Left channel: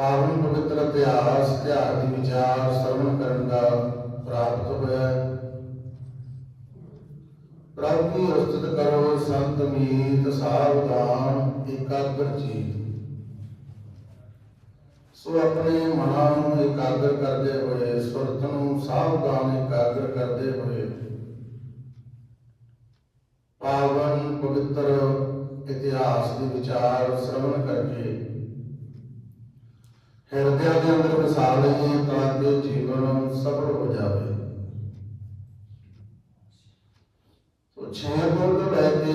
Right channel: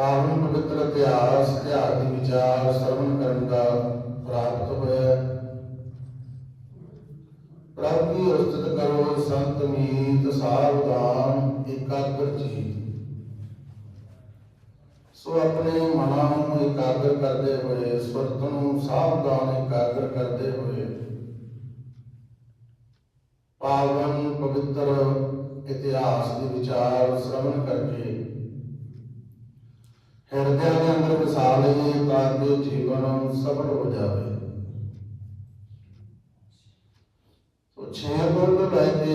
ਪਾਵਨ ਪਵਿੱਤਰ ਇਤਿਹਾਸ ਇਤਿਹਾਸ ਦੀ ਵਿਚਾਰ, ਸਰਵਣ ਕਰਨ ਦਾ ਪ੍ਰਾਪਤ ਹੋਇਆ ਹੈ। ਪ੍ਰਭੂ ਉਸਤਤ ਕਰੋ ਸੰਤ ਮੀਤ ਸਾਵਧਾਨ ਇਕਾਗਰ ਚੀਤ ਸੋ ਆਪਣੇ ਮਨਾਂ ਨੂੰ ਇਕਾਗਰ ਕਰਦੇ ਹੋਏ, ਸੁਰਤ ਨੂੰ ਸਾਵਧਾਨ ਇਕਾਗਰ ਕਰਦੇ ਹੋਏ, ਪਾਵਨ ਪਵਿੱਤਰ ਇਤਿਹਾਸ ਦੇ ਵਿਚਾਰ, ਸ਼ਰਵਣ ਕਰਕੇ ਹਿਰਦੇ ਦੇ ਅੰਦਰ ਵਸਾ ਲਈਏ ਤਾਂ ਕਿ ਜੀਵਨ ਸਫਲ ਹੋ ਜਾਵੇ। ਸੋ ਛੇ ਬੋਲ ਤੋਂ ਲੈ ਕੇ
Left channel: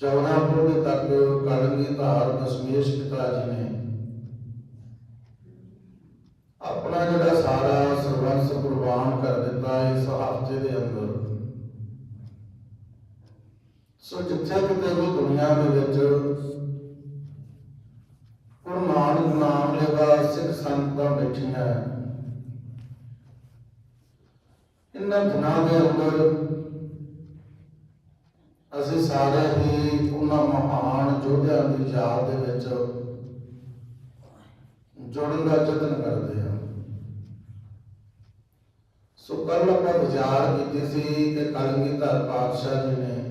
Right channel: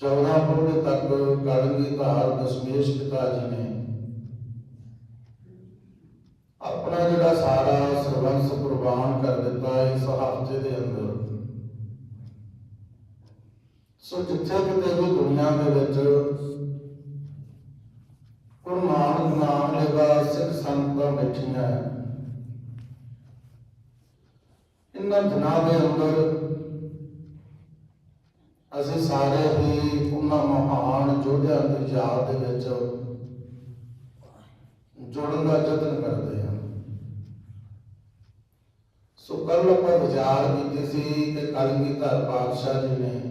14 ਬੋਲ ਤੱਕ ਕਲਗੀ ਧਾਰ ਦਸ਼ਮੇਸ਼ ਪਿਤਾ ਜੀ ਨੇ ਆਪਣਾ ਜਿਹੜਾ ਸਾਰਾ ਸਰਬੰਸ ਕੁਰਬਾਨ ਕਰ ਦਿੱਤਾ ਇਸ ਹਫ਼ਤੇ ਦੇ ਅੰਦਰ। ਸੋ ਜਿੱਥੇ ਕਿਤੇ ਵੀ ਦੁਨੀਆ ਦੇ ਵਿੱਚ ਗੁਰੂ ਨਾਨਕ ਨਾਮ ਲੈਵਾ ਸਿੱਖ ਦਿਨਾਂ ਦੇ ਅੰਦਰ ਅਸੀਂ ਸਾਰੇ ਹੀ ਉਹਨਾਂ ਮਹਾਨ ਯੋਧਿਆਂ ਦੀ ਯਾਦ ਦੇ ਵਿੱਚ ਜੁੜਨ ਦਾ ਯਤਨ ਕਰਦੇ ਹਾਂ। ਸੋ ਕੱਲ ਆਪਾਂ ਵਿਚਾਰ ਕੀਤੀ ਸੀ ਕਿ ਕਲਗੀਧਰ ਪਾਤਸ਼ਾਹ ਜੀ ਨੇ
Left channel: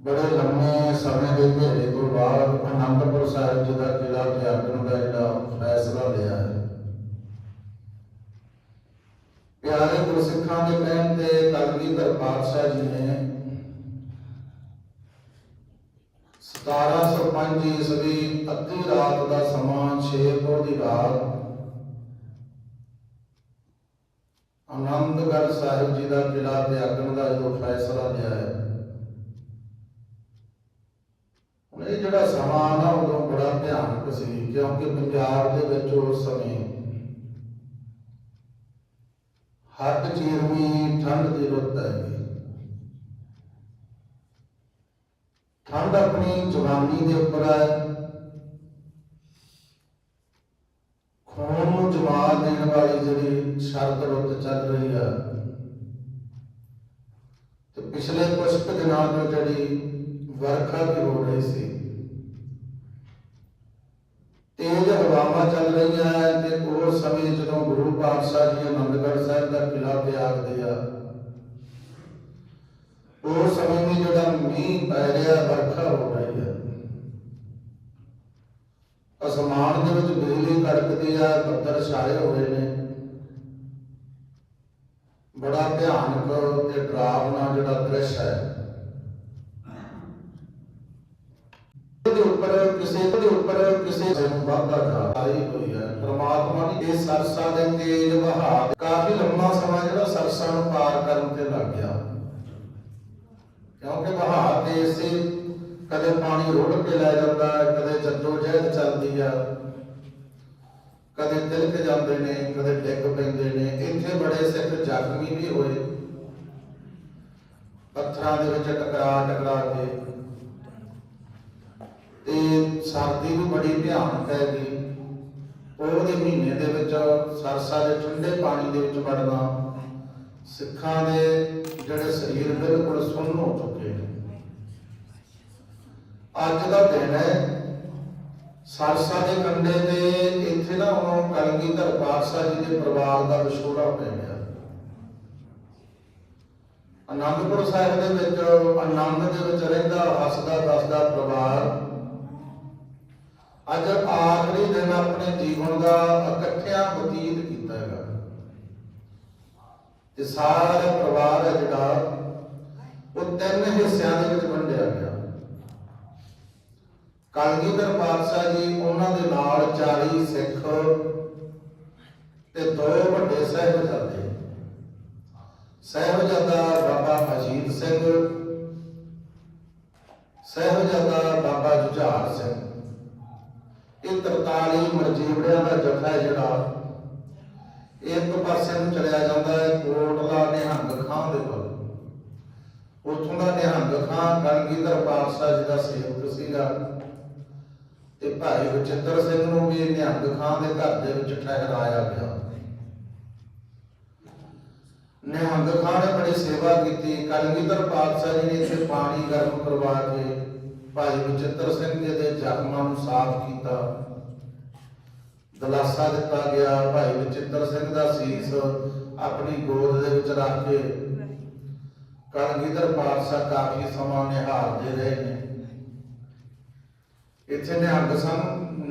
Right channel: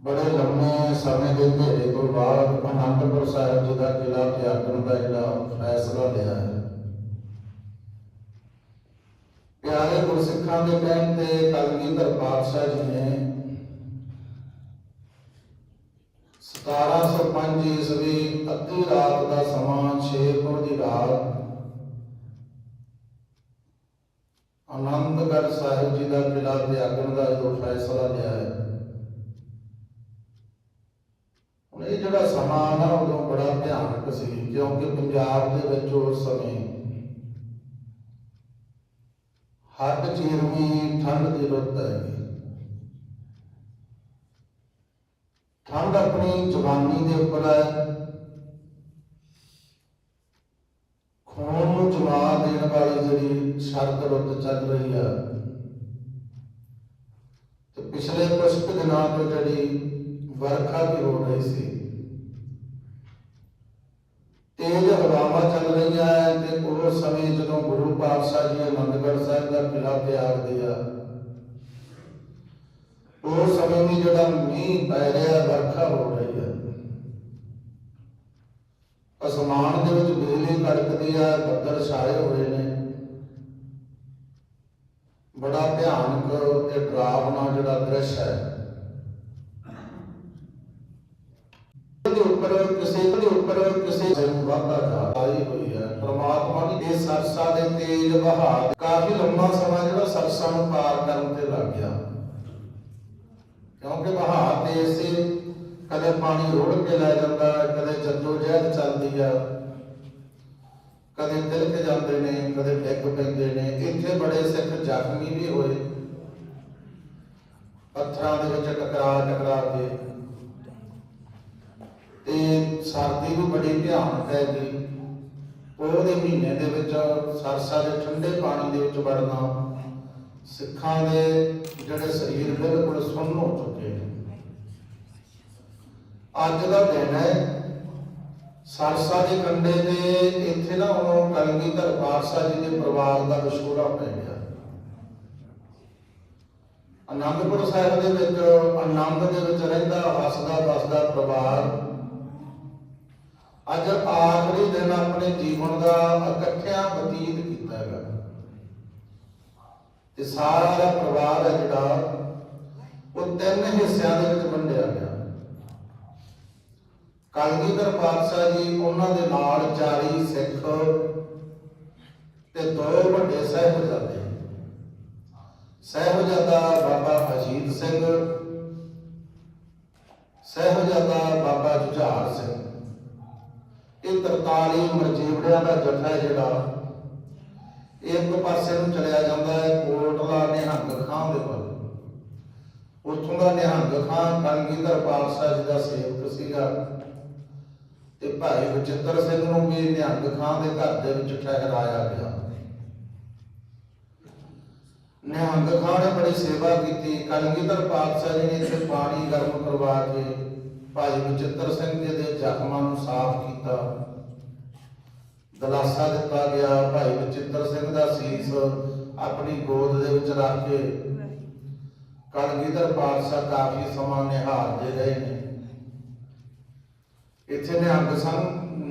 ਬੜੇ ਲੰਮੇ ਸਮੇਂ ਦੇ ਘੇਰੇ ਤੋਂ ਬਾਅਦ ਅਨੰਦਪੁਰ ਸਾਹਿਬ ਜੀ ਦਾ ਕਿਲਾ ਤਿਆਗਣ ਦਾ ਜਿਹੜਾ ਫੈਸਲਾ ਲਿਆ ਹੈ। ਪਿਆਰੇ ਗੁਰਸਿੱਖਾਂ ਦੇ ਕਹਿਣ ਤੇ ਕਲਗੀਧਰ ਪਾਤਸ਼ਾਹ ਜੀ ਨੇ 1705 ਈਸਵੀ ਅੱਧੀ ਰਾਤ ਦਾ ਸਮਾਂ 6 ਪੁਰ ਦੀ ਰਾਤ ਆਨੰਦਗੜ੍ਹ ਸਾਹਿਬ ਜੀ ਦਾ ਕਿਲਾ ਤਿਆਗਣ ਦਾ ਜੋ ਫੈਸਲਾ ਲਿਆ ਹੈ ਹੁਣ ਇਹ ਜਿਹੜਾ ਸਮਾਂ ਨਾ ਉਦੋਂ ਬੜਾ ਭਿਆਨਕ ਸੀ, ਕਿਉਂਕਿ ਪੰਜਾਬ ਦੇ ਵਿੱਚ ਉਸ ਸਮੇਂ ਹੱਦ ਚੀਰਵੀਂ ਠੰਡ ਦੀ ਰੁੱਤ ਹੈ। ਠੰਡ ਆਪਣੀ ਜਵਾਨੀ ਦੇ ਉੱਪਰ ਹੈ। ਖੂਨ ਨੂੰ ਜਮਾ ਦੇਣ ਵਾਲੀ ਜਿਹੜੀ ਸ਼ਰਤ ਰੁੱਤ ਚੱਲ ਰਹੀ ਹੈ। ਤੇ ਪਿਛਲੇ ਕੁਝ ਦਿਨਾਂ ਤੋਂ ਜਿਹੜੀ ਵਰਖਾ ਵੀ ਹੋ ਰਹੀ ਸੀ। ਤੇਜ਼ ਹਵਾਵਾਂ ਚੱਲ ਰਹੀਆਂ ਹੈ ਤੇ ਉਸ ਸਮੇਂ ਜਦੋਂ ਗੁਰੂ ਪਾਤਸ਼ਾਹ ਜੀ ਆਨੰਦਗੜ੍ਹ ਸਾਹਿਬ ਦਾ ਕਿਲਾ ਤਿਆਗਦੇ ਆ ਉਸ ਸਮੇਂ ਵੀ ਜਿਹੜਾ ਮੀਂਹ ਪੈ ਰਿਹਾ, ਵਰਖਾ ਹੋ ਰਹੀ ਹੈ ਅਸਮਾਨ ਦੇ ਵਿੱਚ ਬਿਜਲੀ ਕੜਕਦੀ ਆ ਬੱਦਲ ਛਾਏ ਹੋਏ ਨੇ। ਬੜਾ ਭਿਆਨਕ ਤੇ ਡਰਾਵਨਾ ਜਿਹੜਾ ਦ੍ਰਿਸ਼ ਹੈ ਦੇ ਉੱਪਰ, ਕਿਸੇ ਦੇ ਉੱਪਰ, ਕਿਸੇ ਨੂੰ ਵਾਧਾ ਜਾਰੀ ਹੋਈ ਹੈ ਪ੍ਰਮਾਤਮਾ ਦੀ ਇਹ ਸਰਸਾ ਦੇ ਤੇਜ਼ ਵਹਾਅ ਕਾਫੀ ਲੰਮਾ ਸਮਾਂ ਜਿਹੜਾ ਸਰਸਾ ਨੂੰ ਪਾਰ ਕਰਨ ਤੇ ਲੱਗ ਗਿਆ। ਕਿਉਂਕਿ ਵਹਾਅ ਤੇ ਇਸੇ ਕਦੇ ਪਾਣੀ ਰੋੜ ਕੇ ਲੈ ਜਾਂਦਾ, ਕਦੇ ਜੱਦੋ ਜਹਿਦ ਚੱਲਦੀ ਆ। ਕਦੇ ਤਿਲਕ ਜਾਂਦੇ ਨੇ, ਕਦੇ ਡਿੱਗ ਪੈਂਦੇ ਨੇ। ਇੱਥੇ ਬੜੇ ਸਿੱਖ ਜ਼ਖਮੀ ਵੀ ਹੋਏ। ਪੱਥਰਾਂ ਦੇ ਵਿੱਚ ਟਕਰਾ ਟਕਰਾ ਕੇ ਤੇ ਸਰਦੀ ਵੀ ਬੜੀ ਭਿਆਨਕ ਹੈ ਜੀ ਉਹਦੇ ਮਹੀਨੇ ਦੇ ਵਿੱਚ ਸਰਸਾ ਦੇ ਠੰਡੇ ਪਾਣੀ ਦੇ ਵਿੱਚ ਵੜਨਾ ਸਿੱਖਾਂ ਦੇ ਜਿਹੜੇ ਸਰੀਰ ਬਿਲਕੁਲ ਸੁੰਨ ਹੋ ਚੁੱਕੇ ਨੇ। ਅੱਜ ਦਾ ਦਿਨ ਹੈ। ਸਰਸਾ ਦੇ ਕੰਢੇ ਤੇ ਇੱਥੇ ਨਾ ਉਹ ਕਲਗੀਧਰ ਪਾਤਸ਼ਾਹ ਜੀ ਦੇ ਪਰਿਵਾਰ ਦਾ ਵਿਛੋੜਾ ਪੈ ਗਿਆ। ਆਨੰਦਪੁਰ ਸਾਹਿਬ ਦੇ ਵਿੱਚ ਆਨੰਦ ਦੇ ਵਿੱਚ ਰਹਿੰਦਾ, ਹੱਸਦਾ, ਦੱਸਦਾ ਪਰਿਵਾਰ ਅੱਜ ਆਖਰੀ ਦਿਨ ਆਪਣੇ ਜੀਵਨ ਦਾ ਇਕੱਠਿਆਂ ਬਤੀਤ ਕੀਤਾ ਹੈਗਾ। ਤੇ ਸਾਰਾ ਪਰਿਵਾਰ ਹੈ ਜਿਹੜਾ, ਉਹ ਤਿੰਨ ਹਿੱਸਿਆਂ ਦੇ ਵਿੱਚ ਵੰਡਿਆ ਗਿਆ। ਕਲਗੀਧਰ ਪਾਤਸ਼ਾਹ ਜੀ, ਉਹਨਾਂ ਦੇ ਨਾਲ 40 ਸਿੱਖ ਤੇ ਦੋ ਵੱਡੇ ਸਾਹਿਬਜ਼ਾਦੇ। ਸਾਹਿਬਜ਼ਾਦਾ ਬਾਬਾ ਅਜੀਤ ਸਿੰਘ, ਸਾਹਿਬਜ਼ਾਦਾ ਬਾਬਾ ਜੁਝਾਰ ਸਿੰਘ। ਇਹ 43 ਮਰਜੀਵੜਿਆਂ ਦਾ ਜਥਾ ਜਿਹੜਾ। ਇੱਕ ਪਾਸੇ ਨੂੰ ਚਲਿਆ ਜਾਂਦਾ ਹੈ ਕੋਟਲਾ ਨਿਹੰਗ ਖਾਂ ਦੇ ਕੋਲ ਉੱਥੋਂ ਦਾ ਨਿਹੰਗ ਖਾਂ ਕਲਗੀਧਰ ਪਾਤਸ਼ਾਹ ਜੀ ਦਾ ਸੇਵਕ ਸੀਗਾ। ਤੇ ਭਾਈ ਬਚਿੱਤਰ ਸਿੰਘ ਨੂੰ ਵੀ ਨਿਹੰਗ ਖਾਂ ਦੇ ਘਰ ਦੇ ਵਿੱਚ ਠਹਿਰਾਇਆ ਗਿਆ। ਨਿਹੰਗ ਖਾਂ ਨੇ ਬੜੀ ਸੇਵਾ ਕੀਤੀ। ਕਲਗੀਧਰ ਪਾਤਸ਼ਾਹ ਜੀ ਨੇ ਇੱਥੇ ਪਾਣੀ ਗਰਮ ਕਰਵਾ ਕੇ ਭਾਈ ਬਚਿੱਤਰ ਸਿੰਘ ਜੀ ਦੇ ਜ਼ਖਮਾਂ ਨੂੰ ਸਾਫ਼ ਕੀਤਾ। ਦਲਾਸਾ ਦਿੱਤਾ ਗਿਆ। ਭਾਈ ਬਚਿੱਤਰ ਸਿੰਘ ਦਾ ਸੀਸ ਆਪਣੀ ਗੋਦ ਦੇ ਵਿੱਚ ਰੱਖ ਕੇ ਕਲਗੀਧਰ ਪਾਤਸ਼ਾਹ ਕਾਫੀ ਸਮਾਂ ਨਿਹਾਲਦੇ ਰਹੇ ਨੇ। ਇੱਥੇ ਨਿਹੰਗ ਸੰ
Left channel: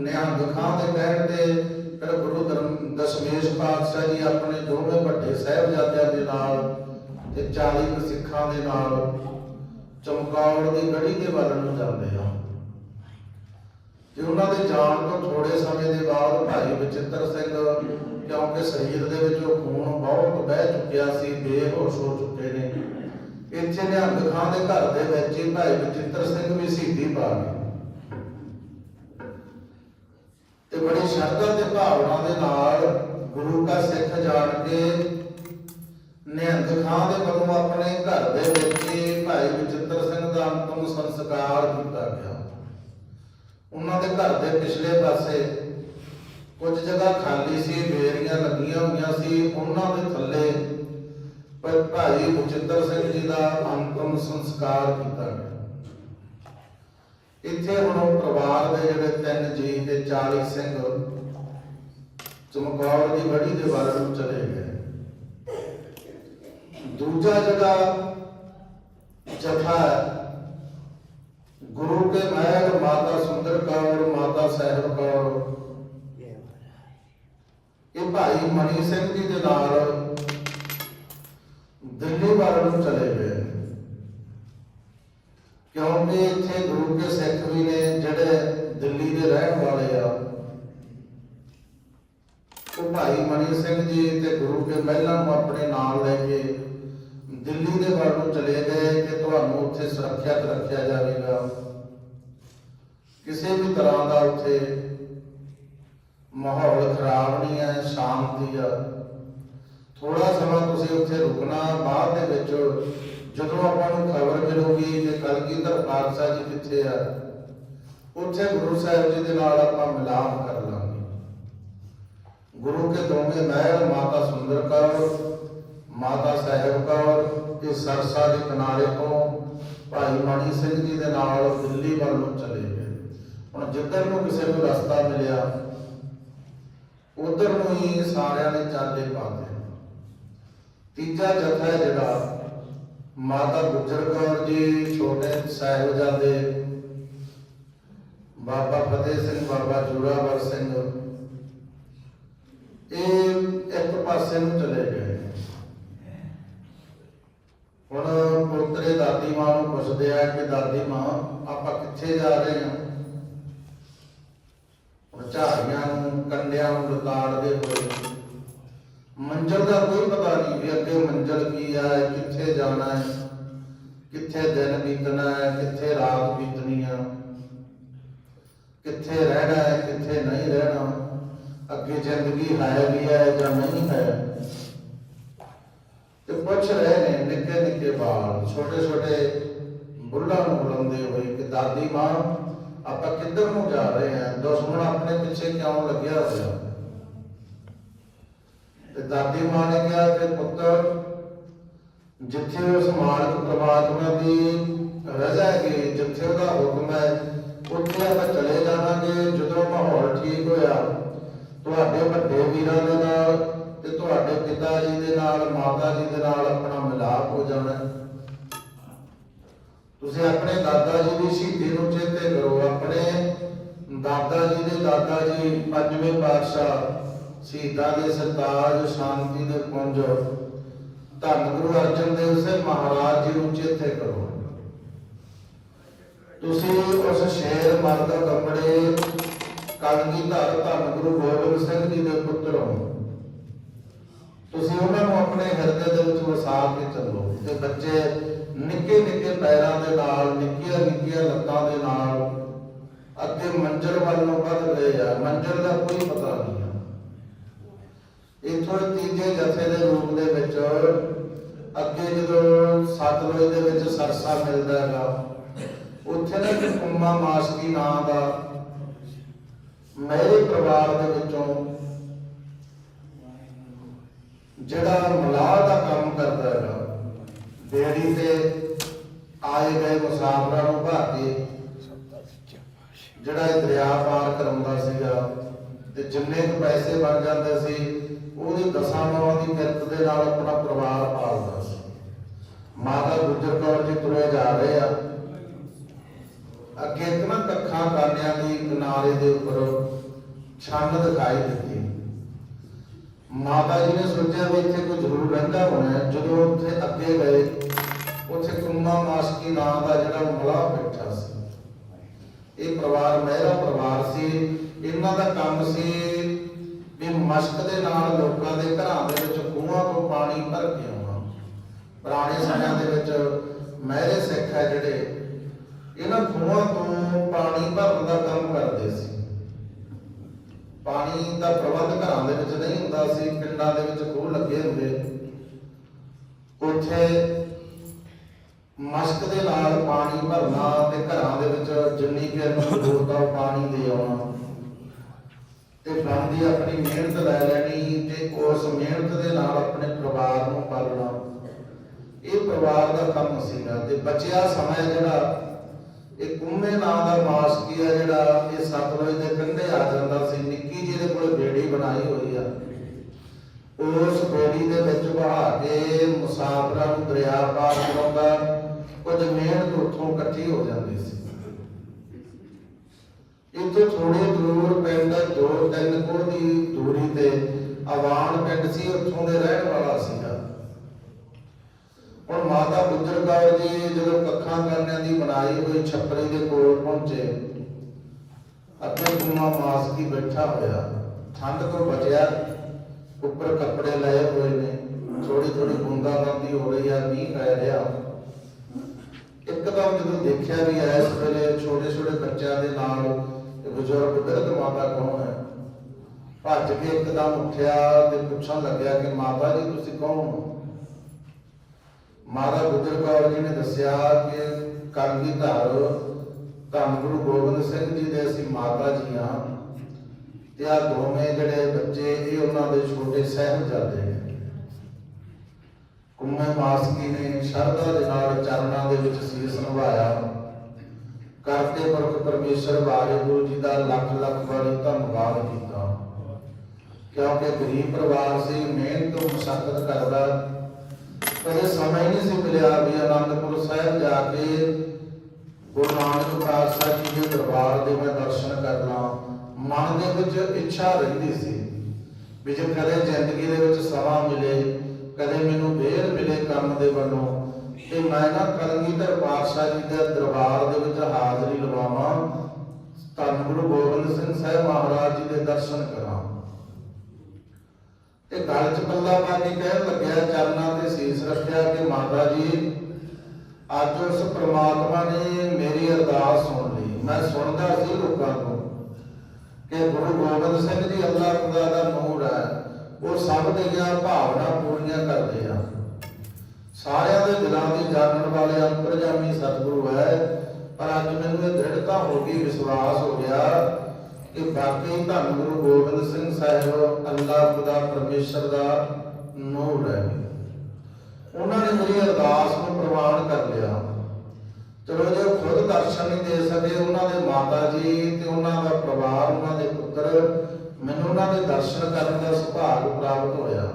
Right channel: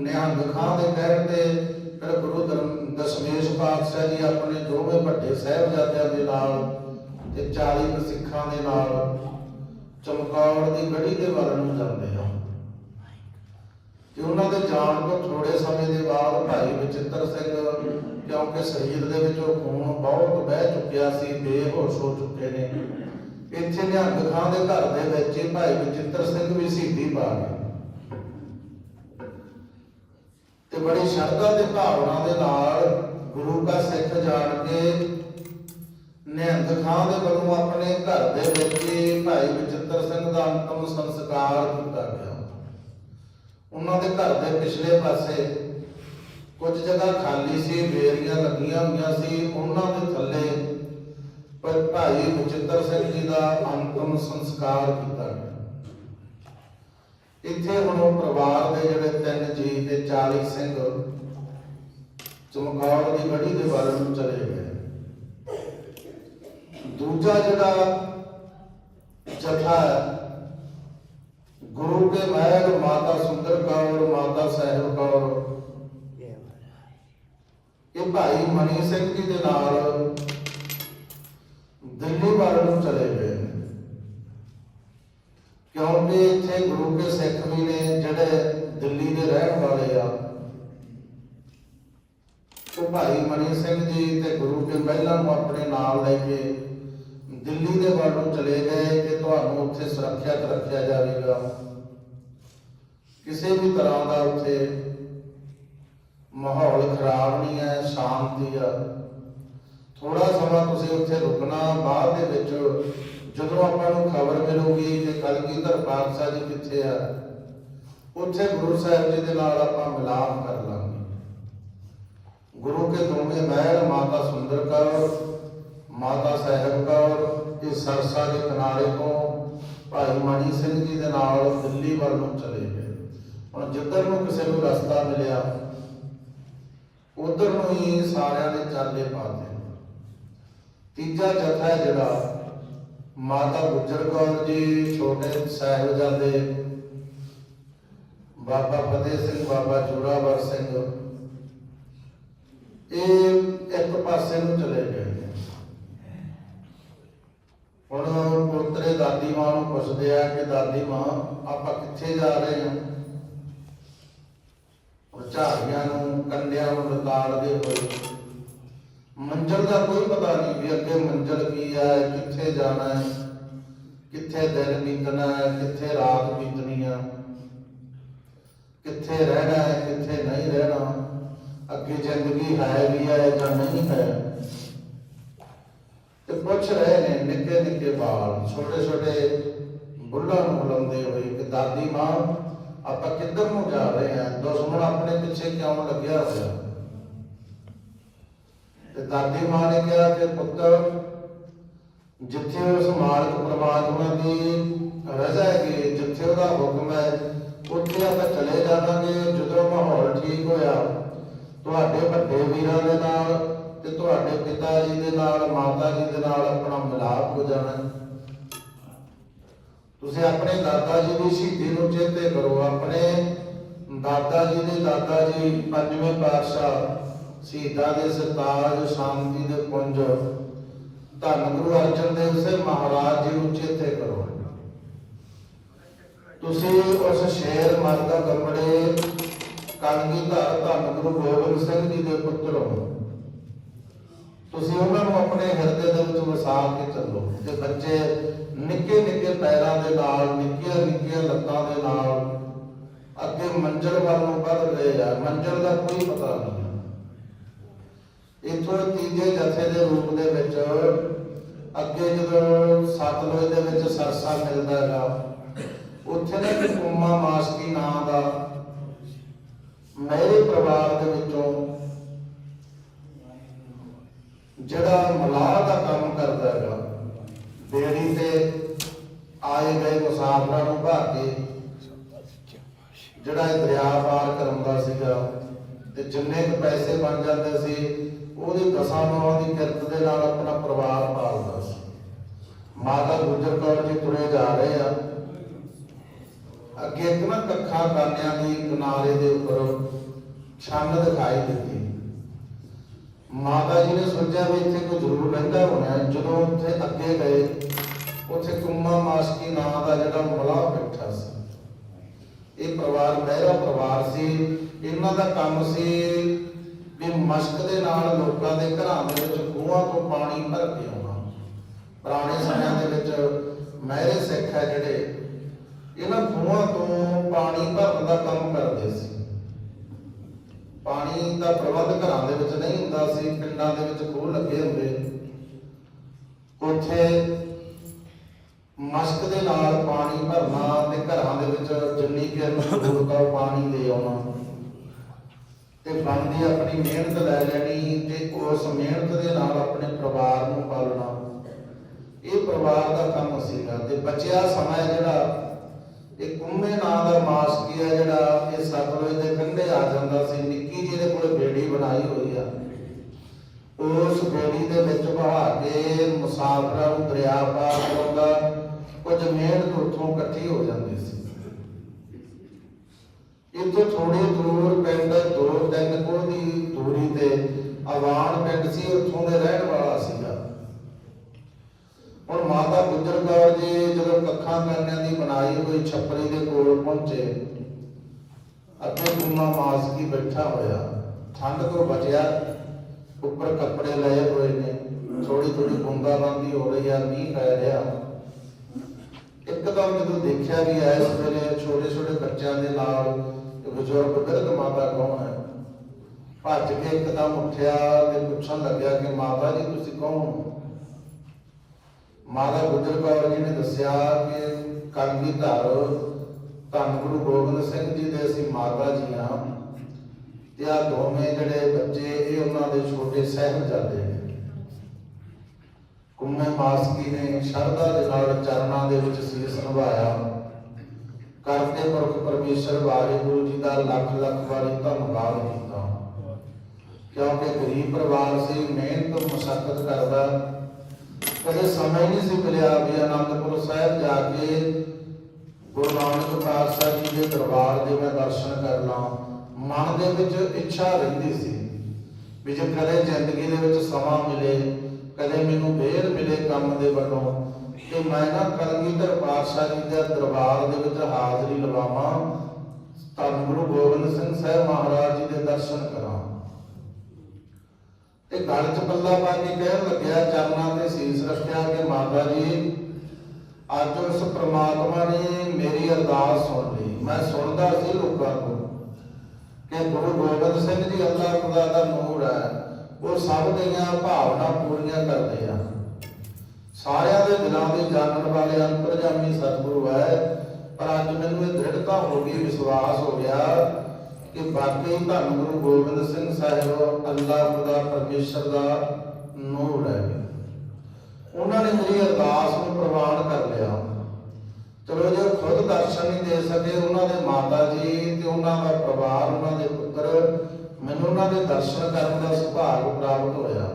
ਨਿਹੰਗ ਖਾਂ ਦੇ ਕਹਿਣ ਤੇ ਫਿਰ ਗੁਰੂ ਧਰਮ ਦਸ਼ਮੇਸ਼ ਪਾਤਸ਼ਾਹ ਜੀ ਆਪਣੇ ਦੋਵੇਂ ਵੱਡੇ ਸਾਹਿਬਜ਼ਾਦਿਆਂ ਦੇ ਨਾਲ ਤੇ 40 ਸਿੱਖਾਂ ਦੇ ਨਾਲ ਚਮਕੌਰ ਦੀ ਗੜੀ ਦੇ ਵੱਲ ਨੂੰ ਜਾਂਦੇ ਆ ਤੇ ਉਹਨਾਂ ਦੇ ਜਾਣ ਤੋਂ ਥੋੜੇ ਸਮੇਂ ਦੇ ਬਾਅਦ ਭਾਈ ਬਚਿੱਤਰ ਸਿੰਘ, ਕਿਉਂਕਿ ਸਰੀਰ ਦੇ ਵਿੱਚੋਂ ਖੂਨ ਬਹੁਤ ਵਹਿ ਚੁੱਕਿਆ ਸੀ, ਬੇਹੋਸ਼ ਹੋ ਚੁੱਕੇ ਨੇ। ਇੱਥੇ ਨਿਹੰਗ ਖਾਂ ਦੇ ਘਰ ਦੇ ਵਿੱਚ ਹੀ ਭਾਈ ਬਚਿੱਤਰ ਸਿੰਘ ਵੀ ਸ਼ਹੀਦੀ ਪਾ ਗਏ। ਤੇ ਬੜੀ ਸ਼ਰਧਾ ਤੇ ਭਾਵਨਾ ਦੇ ਨਾਲ ਗੁਰੂ ਦਾ ਸਿੱਖ ਜਾਣ ਕੇ ਨਿਹੰਗ ਖਾਂ ਦੇ ਵੱਲੋਂ ਆਪਣੇ ਘਰ ਦੇ ਵਿੱਚ ਭਾਈ ਬਚਿੱਤਰ ਸਿੰਘ ਦਾ ਅੰਤਮ ਸੰਸਕਾਰ ਕੀਤਾ ਗਿਆ। ਉਹਨਾਂ ਦੇ ਘਰ ਦੇ ਪਿਛਲੇ ਪਾਸੇ ਕੁਝ ਜਗ੍ਹਾ ਖਾਲੀ ਸੀ, ਬੇਰੀਆਂ ਲੱਗੀਆਂ ਹੋਈਆਂ ਸੀ। ਉਹਨਾਂ ਦੇ ਥੱਲੇ ਪਰ ਭਾਈ ਬਚਿੱਤਰ ਸਿੰਘ ਜੀ ਦਾ ਅੰਤਮ ਸੰਸਕਾਰ ਕੀਤਾ ਗਿਆ। ਇੱਥੇ ਹੁਣ ਪਰਿਵਾਰ ਦੇ ਜਿਹੜੇ ਤਿੰਨ ਜੀ ਤੇ 40 ਸਿੰਘ ਚਮਕੌਰ ਦੀ ਬੜੀ ਦੇ ਵੱਲ ਨੂੰ ਚਲੇ ਗਏ। ਦੂਜਾ ਜਿਹੜਾ ਜਥਾ ਹੈ, ਗੁਰੂ ਕੇ ਮਹਿਲ ਮਾਤਾ ਸੁੰਦਰ ਕੌਰ ਮਾਤਾ ਸਾਹਿਬ ਕੌਰ ਇਹ ਭਾਈ ਮਣੀ ਸਿੰਘ ਜੀ ਦੇ ਨਾਲ ਦਿੱਲੀ ਵੱਲ ਨੂੰ ਚਲੇ ਗਏ ਕਿਉਂਕਿ ਇੱਥੇ ਗੁਰੂ ਕੇ ਸਿੱਖ ਵੀ ਨੇ ਜਿਹੜੇ ਦਿੱਲੀ ਦੇ ਰਹਿਣ ਵਾਲੇ ਆ। ਉਹ ਭਾਈ ਮਨੀ ਸਿੰਘ ਜੀ ਤੇ ਗੁਰੂ ਕੇ ਮਹਿਲਾ ਨੂੰ ਆਪਣੇ ਨਾਲ ਲੈ ਕੇ ਦਿੱਲੀ ਦੇ ਵੱਲ ਨੂੰ ਚਲੇ ਗਏ ਕਿ ਤੁਹਾਨੂੰ ਉੱਥੇ ਸੁਰੱਖਿਅਤ ਰੱਖਿਆ ਜਾਵੇਗਾ। ਕਿਸੇ ਵੀ ਤਰ੍ਹਾਂ ਦਾ ਉੱਥੇ ਮਾਹੌਲ ਖਰਾਬ ਨਹੀਂ ਹੈ, ਸ਼ਾਂਤੀ ਆ। ਥੋੜਾ ਸਮਾਂ ਤੁਸੀਂ ਉੱਥੇ ਰੁਕਣਾ, ਬਾਅਦ ਦੇ ਵਿੱਚ ਜਦੋਂ ਆਪਾਂ ਨੂੰ ਖਬਰ ਮਿਲੂਗੀ ਕਿ ਕਲਗੀਧਰ ਪਾਤਸ਼ਾਹ ਜੀ ਕਿੱਥੇ ਆ, ਉੱਥੇ ਗੁਰੂ ਸਾਹਿਬ ਜੀ ਦੇ ਨਾਲ ਆਪਾਂ ਮਿਲਾਪ ਕਰ ਲਾਂਗੇ। ਗੁਰੂ ਕੇ ਦੋਵੇਂ ਮਹਿਲ, ਮਾਤਾ ਸੁੰਦਰ ਕੌਰ, ਮਾਤਾ ਸਾਹਿਬ ਕੌਰ ਇਹ ਸਰਸਾ ਦੇ ਕਿਨਾਰੇ ਤੋਂ ਭਾਈ ਸਿੰਘ ਜੀ ਦੇ ਨਾਲ ਦਿੱਲੀ ਵੱਲ ਨੂੰ ਚਲੇ ਗਏ। ਹੁਣ ਜਿੱਧਰ ਨੂੰ ਕਿਸੇ ਨੂੰ ਰਸਤਾ ਮਿਲਿਆ, ਉਧਰ ਨੂੰ ਹੀ ਸਾਰਿਆਂ ਨੇ ਚਾਲੇ ਪਾਤੇ ਤੀਜਾ ਜਥਾ ਜਿਹੜਾ, ਮਾਤਾ ਗੁਜਰ ਕੌਰ ਜੀ, ਛੋਟੇ ਸਾਹਿਬਜ਼ਾਦੇ, ਬਾਬਾ ਫਤਿਹ ਸਿੰਘ, ਬਾਬਾ ਜੋਰਾਵਰ ਸਿੰਘ, ਇਹ ਇੱਕ ਪਾਸੇ ਨੂੰ ਚਲੇ ਗਏ। ਹੁਣ ਪੁੱਤਰੇ ਦਾਦੀ ਮਾਂ ਨੂੰ ਪੁੱਛਦੇ ਆ ਕਿ ਦਾਦੀ ਮਾਂ, ਆਪਾਂ ਕਿੱਥੇ ਜਾ ਰਹੇ ਹਾਂ? ਉਹ ਝਾੜੀਆਂ ਨੂੰ, ਕੰਡਿਆਂ ਨੂੰ ਲਤਾੜਦੇ ਹੋਏ। ਮੰਜ਼ਲ ਦਾ ਕੋਈ ਪਤਾ ਨਹੀਂ ਵੀ ਅੱਗੇ ਮੰਜ਼ਲ ਕੀ ਆ, ਕਿੱਥੇ ਜਾਣਾ ਹੈ? ਕਿੱਥੇ ਦਿਨ ਬੀਤਣਾ ਹੈ? ਕਿੱਥੇ ਰਾਤ ਬੀਤਣੀ ਹੈ ਕਿੱਥੇ ਰਹਿਣਾ ਹੈ, ਕਿੱਥੇ ਨਹੀਂ ਰਹਿਣਾ? ਅੱਗੇ ਜ਼ਿੰਦਗੀ ਹੈ ਵੀ ਹੈ ਜਾਂ ਨਹੀਂ ਹੈ? ਪੁੱਛ ਰਹੇ ਨੇ ਨਿੱਕੇ ਨਿੱਕੇ ਬਾਲ, ਛੋਟੇ ਛੋਟੇ ਬੁੱਢਾ ਨੂੰ ਬੁਲਾਉਂਦੇ ਹੋਏ ਕਿ ਦਾਦੀ ਮਾਂ, ਆਪਾਂ ਕਿੱਧਰ ਨੂੰ ਜਾ ਰਹੇ ਹਾਂ? ਦੁਸ਼ਮਣ ਆਪਣੇ ਪਿੱਛੇ ਕਿਉਂ ਲੱਗਿਆ ਹੋਇਆ? ਤੇ ਦਾਦੀ ਮਾਂ ਨੇ ਕਿਹਾ ਕਿ ਪੁੱਤਰ ਜਿੱਥੇ ਉਸ ਮਾਲਕ ਪ੍ਰਮਾਤਮਾ ਦੀ ਰਜ਼ਾ ਹੈਗੀ, ਜਿੱਥੇ ਉਹਦਾ ਹੁਕਮ ਹੈ, ਉੱਥੇ ਆਪਾਂ ਚਲੇ ਜਾਵਾਂਗੇ। ਜਦੋਂ ਮਾਹੌਲ ਠੀਕ ਹੋਇਆ, ਤੁਹਾਡੇ ਵੱਡੇ ਵੀਰਾਂ ਦੇ ਨਾਲ ਤੇ ਤੁਹਾਡੇ ਪਿਤਾ ਜੀ ਦੇ ਨਾਲ, ਮਾਤਾ ਜੀ ਦੇ ਨਾਲ ਆਪਣਾ ਮਿਲਾਪ ਹੋ ਜਾਣਾ। ਤੁਸੀਂ ਆਪਣੇ ਦਾਦਾ ਜੀ ਦੀ ਸ਼ਹੀਦੀ ਨੂੰ ਚੇਤੇ ਕਰੋ। ਆਪਣੇ ਦਾਦਾ ਜੀ ਦੇ ਦਾਦਾ ਜੀ ਪੰਜਵੇਂ ਪਾਤਸ਼ਾਹ, ਸ਼ਹੀਦਾਂ ਦੇ ਸਰਤਾਜ, ਸ਼ਾਂਤੀ ਦੇ ਪੁੰਜ। ਧੰਨ ਗੁਰੂ ਅਰਜਨ ਦੇਵ ਸਿੰਘ ਮਹਾਰਾਜ ਜੀ ਨੂੰ ਚੇਤੇ ਕਰੋ। ਤੁਸੀਂ ਉਸ ਸ਼ੇਰ ਮਰਦਾ ਕੱਪੜੇ ਕਲਗੀਧਰ ਧੰਨ ਗੁਰੂ ਗੋਬਿੰਦ ਸਿੰਘ ਜੀ ਦੇ ਪੁੱਤਰ ਹੋ। ਤੁਸੀਂ ਉਹਨਾਂ ਨੂੰ ਆਪਣੇ ਹਿਰਦੇ ਦੇ ਵਿੱਚ ਵਸਾ ਕੇ ਚੱਲੋ ਤੇ ਬੱਚੇ ਨਿੱਕੇ ਨਿੱਕੇ ਪੈਰਾਂ ਦੇ ਨਾਲ, ਨਿੱਕੀਆਂ ਨਿੱਕੀਆਂ ਲੱਤਾਂ ਦੇ ਨਾਲ ਅੱਗੇ ਮੰਜ਼ਰ ਵੱਲ ਨੂੰ ਵੱਧ ਰਹੇ ਆ ਮੰਜ਼ਰ ਦਾ ਕੋਈ ਪਤਾ ਨਹੀਂ ਹੈ। ਤੀਜੇ ਜਥੇ ਦੇ ਰੂਪ ਦੇ ਵਿੱਚ ਅੱਗੇ ਜਦੋਂ ਸਤਲੁਜ ਦੇ ਵਿੱਚ ਸਰਸਾ ਮਿਲਦਾ ਹੈਗਾ, ਉੱਥੇ ਨਾ ਇੱਕ ਮਾਸਕੀ ਨਾਂ ਦਾ ਮੇਰੇ ਪਰਿਵਾਰ ਦੇ ਵਿੱਚੋਂ ਜਿਹੜਾ ਮਲਾਹ ਦਾ ਕੰਮ ਕਰਦਾ ਹੈਗਾ ਬੇੜੀ ਤੇ ਆਏ ਗਏ ਮੁਸਾਫਰਾਂ ਨੂੰ ਭਾ ਕੇ, ਜਿਹੜਾ ਇਹ ਦਰਿਆ ਪਾਰ ਕਰਾਉਂਦਾ ਸੀਗਾ ਤੇ ਜਿੰਨੇ ਕੁ ਪੈਸੇ ਬਣ ਜਾਂਦੇ ਸੀ, ਉਹਦੀ ਦਸਾਂ ਨੌਂ ਦੀ ਕਿਰਤ ਦੇ ਨਾਲ ਆਪਣਾ ਪਰਿਵਾਰ ਪਾਲਦਾ ਸੀ। ਮਾਤਾ ਗੁਜਰ ਕੌਰ ਜੀ ਤੁਰੇ ਜਾ ਰਹੇ ਆ। ਅੱਗੇ ਇੱਕ ਨਾ ਕੱਖਾਂ ਕਾਨਿਆਂ ਦੀ ਕਿਨਾਰੇ ਦੇ ਉੱਪਰ ਛੰਨ ਦਿਖਾਈ ਦਿੱਤੀ। ਮਾਤਾ ਜੀ ਨੇ ਸੋਚਿਆ ਵੀ ਇੱਥੇ ਕੋਈ ਜ਼ਰੂਰ ਰਹਿੰਦਾ ਹੋਣਾ ਹੈ। ਜਦੋਂ ਉੱਥੇ ਅੱਗੇ ਗਏ, ਉੱਥੇ ਕੁੰਮਾ ਮਾਸਕੀ ਨਾਂ ਦਾ ਜਿਹੜਾ ਮਲਾ ਬੈਠਾ ਸੀ। ਇਹ ਪਰਿਵਾਰ ਮਹਿਰਾ ਪਰਿਵਾਰ ਸੀ। ਇਹਨਾਂ ਦਾ ਕੰਮ ਸੀ ਵੀ ਮਸ਼ਕ ਦੇ ਨਾਲ ਲੋਕਾਂ ਦੇ ਘਰਾਂ ਦੇ ਵਿੱਚ ਖੂਹਾਂ ਤੋਂ ਪਾਣੀ ਭਰ ਕੇ ਆਉਣਾ। ਪੁਰਾਣੇ ਸਮਿਆਂ ਦੇ ਵਿੱਚ ਮਹਿਰੇ ਸਿੱਖ ਹੈ ਜਿਹੜੇ, ਇਹਨਾਂ ਖੂਹਾਂ ਤੋਂ ਪਾਣੀ ਭਰਨ ਦਾ ਕੰਮ ਕਰਦੇ ਸੀ। ਪਾਣੀ ਦਾ ਪ੍ਰਬੰਧ ਘਰਾਂ ਦੇ ਵਿੱਚ ਨਹੀਂ ਹੁੰਦਾ ਸੀ, ਪਿੰਡਾਂ ਦੇ ਵਿੱਚ ਖੂਹ ਲੱਗੇ ਹੁੰਦੇ। ਉੱਥੇ ਮਸ਼ਕ ਦੇ ਨਾਲ ਪਾਣੀ ਭਰਨਾ ਤੇ ਘਰਾਂ ਦੇ ਵਿੱਚ ਜਿੰਨੀ ਕਿ ਜ਼ਰੂਰਤ ਆ ਪਾਣੀ ਦੇ ਆਉਣਾ। ਤੇ ਬਣਦੀ ਆਪਣੀ ਮਿਹਨਤ ਲੈ ਲੈਣੀ, ਤੇ ਉਸ ਮਿਹਨਤ ਦੇ ਨਾਲ ਆਪਣੇ ਪਰਿਵਾਰ ਨੂੰ ਪਾਲਣਾ। ਇਹ ਪਰਿਵਾਰ ਦਾ ਕੰਮ ਸੀਗਾ ਤੇ ਬਚਿਆ ਸਮਾਂ ਜਿਹੜਾ, ਇਹ ਕੁੰਮੇ ਨਾਂ ਦਾ ਮਾਸ ਜਿਹੜਾ, ਇਹ ਸਤਲੁਜ ਦੇ ਕੰਢੇ ਆ ਜਾਂਦਾ ਸੀ ਨਿੱਕੀ ਜਿਹੀ ਕੋਲ ਬੇੜੀ ਬਣਾਈ ਹੋਈ ਆ, ਉਸ ਬੇੜੀ ਦੇ ਵਿੱਚ ਬਹਾ ਕੇ ਮੁਸਾਫਰਾਂ ਨੂੰ ਦਰਿਆ ਪਾਰ ਕਰਾਉਂਦਾ ਕੁਝ ਮਿਹਨਤ ਉੱਥੋਂ ਇਕੱਠੀ ਹੋ ਜਾਂਦੀ ਸੀ। ਇੱਥੋਂ ਥੋੜੀ ਦੂਰ ਪਿੰਡ, ਦੋ ਤਿੰਨ ਕੋਲ ਦੀ ਦੂਰੀ ਤੇ ਆਵਾਨ ਪਿੰਡ ਸੀ, ਉੱਥੋਂ ਦੇ ਰਹਿਣ ਵਾਲਾ ਸੀਗਾ। ਹੁਣ ਮਾਤਾ ਗੁਜਰ ਕੌਰ ਜੀ ਜਦੋਂ ਕੱਖਾਂ ਕਰਨਿਆਂ ਦੀ ਬਣਾਈ ਹੋਈ ਛੱਪਰੀ ਦੇ ਕੋਲ ਪਹੁੰਚੇ ਆਪਣੇ ਗੁਨਾ ਮਾਸ ਕੀ ਬੈਠਾ ਹੋਇਆ। ਠੰਡ ਤੋਂ ਬਚਿਆ, ਉੱਪਰ ਕੱਪੜੇ ਲਏ ਹੋਏ ਨੇ ਥੋੜੀ ਥੋੜੀ ਬੂੰਦਾਬਾਂਦੀ ਹੋ ਰਹੀ ਆ, ਮੀਂਹ ਪੈ ਰਿਹਾ। ਇੱਕਦਮ ਜਦੋਂ ਦੇਖਿਆ ਵੀ ਇਸ ਵੇਲੇ ਛੋਟੇ ਛੋਟੇ ਬੱਚਿਆਂ ਦੇ ਨਾਲ ਬਜ਼ੁਰਗ ਬਿਰਧ ਮਾਤਾ ਕੌਣ ਹੈ? ਭੱਜ ਕੇ ਇੱਕਦਮ ਉੱਠਿਆ ਤੇ ਪੁੱਛਣ ਲੱਗਿਆ ਕਿ ਮਾਤਾ ਜੀ, ਤੁਸੀਂ ਕੌਣ ਹੋ? ਮਾਤਾ ਗੁਜਰ ਕੌਰ ਜੀ ਨੇ ਦੱਸਿਆ ਕਿ ਕਾਂਗੀ ਧਰ ਧੰਨ ਗੁਰੂ ਗੋਬਿੰਦ ਸਿੰਘ ਜੀ ਦੇ ਅਸੀਂ ਮਾਤਾ ਜੀ ਹਾਂ। ਤੇ ਆ ਦੋਵੇਂ ਜਿਹੜੇ ਬੱਚੇ, ਇਹ ਉਹਨਾਂ ਦੇ ਛੋਟੇ ਸਹਿਬਜ਼ਾਦੇ ਨੇ। ਕੁੰਮੇ ਮਾਸਕੀ ਨੇ ਸ਼ਰਧਾ ਦੇ ਨਾਲ ਚਰਨਾਂ ਦੇ ਵਿੱਚ ਸੀਸ ਨਿਭਾਇਆ। ਕਰਦੇ ਪੁਰਖ ਪਰਮੇਸ਼ਰ ਵਾਹਿਗੁਰੂ ਜੀ ਦਾ ਲੱਖ ਲੱਖ ਵਾਰੀ ਧੰਨਵਾਦ ਕੀਤਾ। ਕਿਉਂਕਿ ਗਰੀਬ ਪਰਿਵਾਰ ਸੀ, ਮਿਹਨਤ ਮੁਸ਼ਕਲ ਕਰਦਾ। ਕਦੇ ਸਮਾਂ ਹੀ ਨਹੀਂ ਸੀ ਮਿਲਿਆ ਵੀ ਆਨੰਦਪੁਰ ਸਾਹਿਬ ਜਾ ਕੇ ਗੁਰੂ ਨਾਨਕ ਪਾਤਸ਼ਾਹ ਜੀ ਦੇ ਦਰਬਾਰ ਦੇ ਮੈਂ ਦਰਸ਼ਨ ਕਰਨਾ, ਮਨ ਦੇ ਵਿੱਚ ਇੱਛਾ ਰਹਿੰਦੀ ਸੀ ਵੀ ਜੇ ਕਦੇ ਜ਼ਿੰਦਗੀ ਦੇ ਵਿੱਚ ਸਮਾਂ ਮਿਲੇ, ਕਦੇ ਮੈਨੂੰ ਵੇਰ ਮਿਲੇ ਕੰਮ ਦੇ ਵੱਲੋਂ, ਤੇ ਮੈਂ ਨਾ ਕਲਗੀਧਰ ਪਾਤਸ਼ਾਹ ਜੀ ਦੇ ਦਰਬਾਰ ਦੇ ਵਿੱਚ ਹਾਜ਼ਰੀ ਲਵਾਵਾਂ ਧੰਨ ਗੁਰੂ ਗੋਬਿੰਦ ਸਿੰਘ ਸਾਹਿਬ ਮਹਾਰਾਜ ਜੀ ਦੇ ਦਰਸ਼ਨ ਕਰਾਂ। ਤੇ ਗਲ ਚ ਪੱਲਾ ਪਾ ਕਹਿਣ ਲੱਗਿਆ, ਚਰਨਾਂ ਤੇ ਸੀਸ ਰੱਖਿਆ ਕਿ ਮਾਤਾ ਜੀ ਅੱਜ ਉਸ ਪ੍ਰਮਾਤਮਾ ਨੇ ਮੇਰੀ ਅਰਦਾਸ ਸੁਣ ਲਈ। ਮੈਂ ਸੁਣਦਾ ਸੀ ਲੋਕਾਂ ਤੋਂ ਕਿ ਗੁਰੂ ਗੋਬਿੰਦ ਸਿੰਘ ਜੀ ਅੱਲਾਹ ਖੁਦਾ ਦਾ ਨੂਰ ਹੈ। ਉਹ ਸਭ ਦੀਆਂ ਭਾਵਨਾ ਪੂਰੀਆਂ ਕਰਦੇ ਆ। ਸਾਰਿਆਂ ਦੇ ਦਿਲਾਂ ਦੀ ਜਾਣਨ ਵਾਲੇ ਅੰਤਰਜਾਮੀ ਸਤਿਗੁਰੂ ਹੈ। ਪਰ ਅੱਜ ਮੈਨੂੰ ਇਹ ਦ੍ਰਿੜਤਾ ਹੋ ਗਈ ਵਿਸ਼ਵਾਸ ਹੋ ਗਿਆ ਕਿ ਬਾਕੀ ਧੰਨ ਗੁਰੂ ਗੋਬਿੰਦ ਸਿੰਘ ਸਾਹਿਬ ਅੱਲਾਹ ਖੁਦਾ ਪਰਮੇਸ਼ਰ ਦਾ ਨੂਰ ਹੈ। ਉਹਨਾਂ ਨੇ ਮੇਰੀ ਅਰਦਾਸ ਨੂੰ ਪ੍ਰਵਾਨ ਕਰ ਲਿਆ। ਚਲੋ ਜੇ ਖੁਦ ਦਰਸ਼ਨ ਨਹੀਂ ਦੇ ਸਕੇ ਉਹਨਾਂ ਦੇ ਮਾਤਾ ਜੀ ਤੇ ਉਹਨਾਂ ਦਾ ਪਰਿਵਾਰ, ਉਹਨਾਂ ਦੇ ਪੁੱਤਰ, ਮੈਨੂੰ ਉਹਨਾਂ ਦੇ ਦਰਸ਼ਨ ਕਰਨ ਦਾ ਸੁਭਾਗ ਪ੍ਰਾਪਤ ਹੋਇਆ।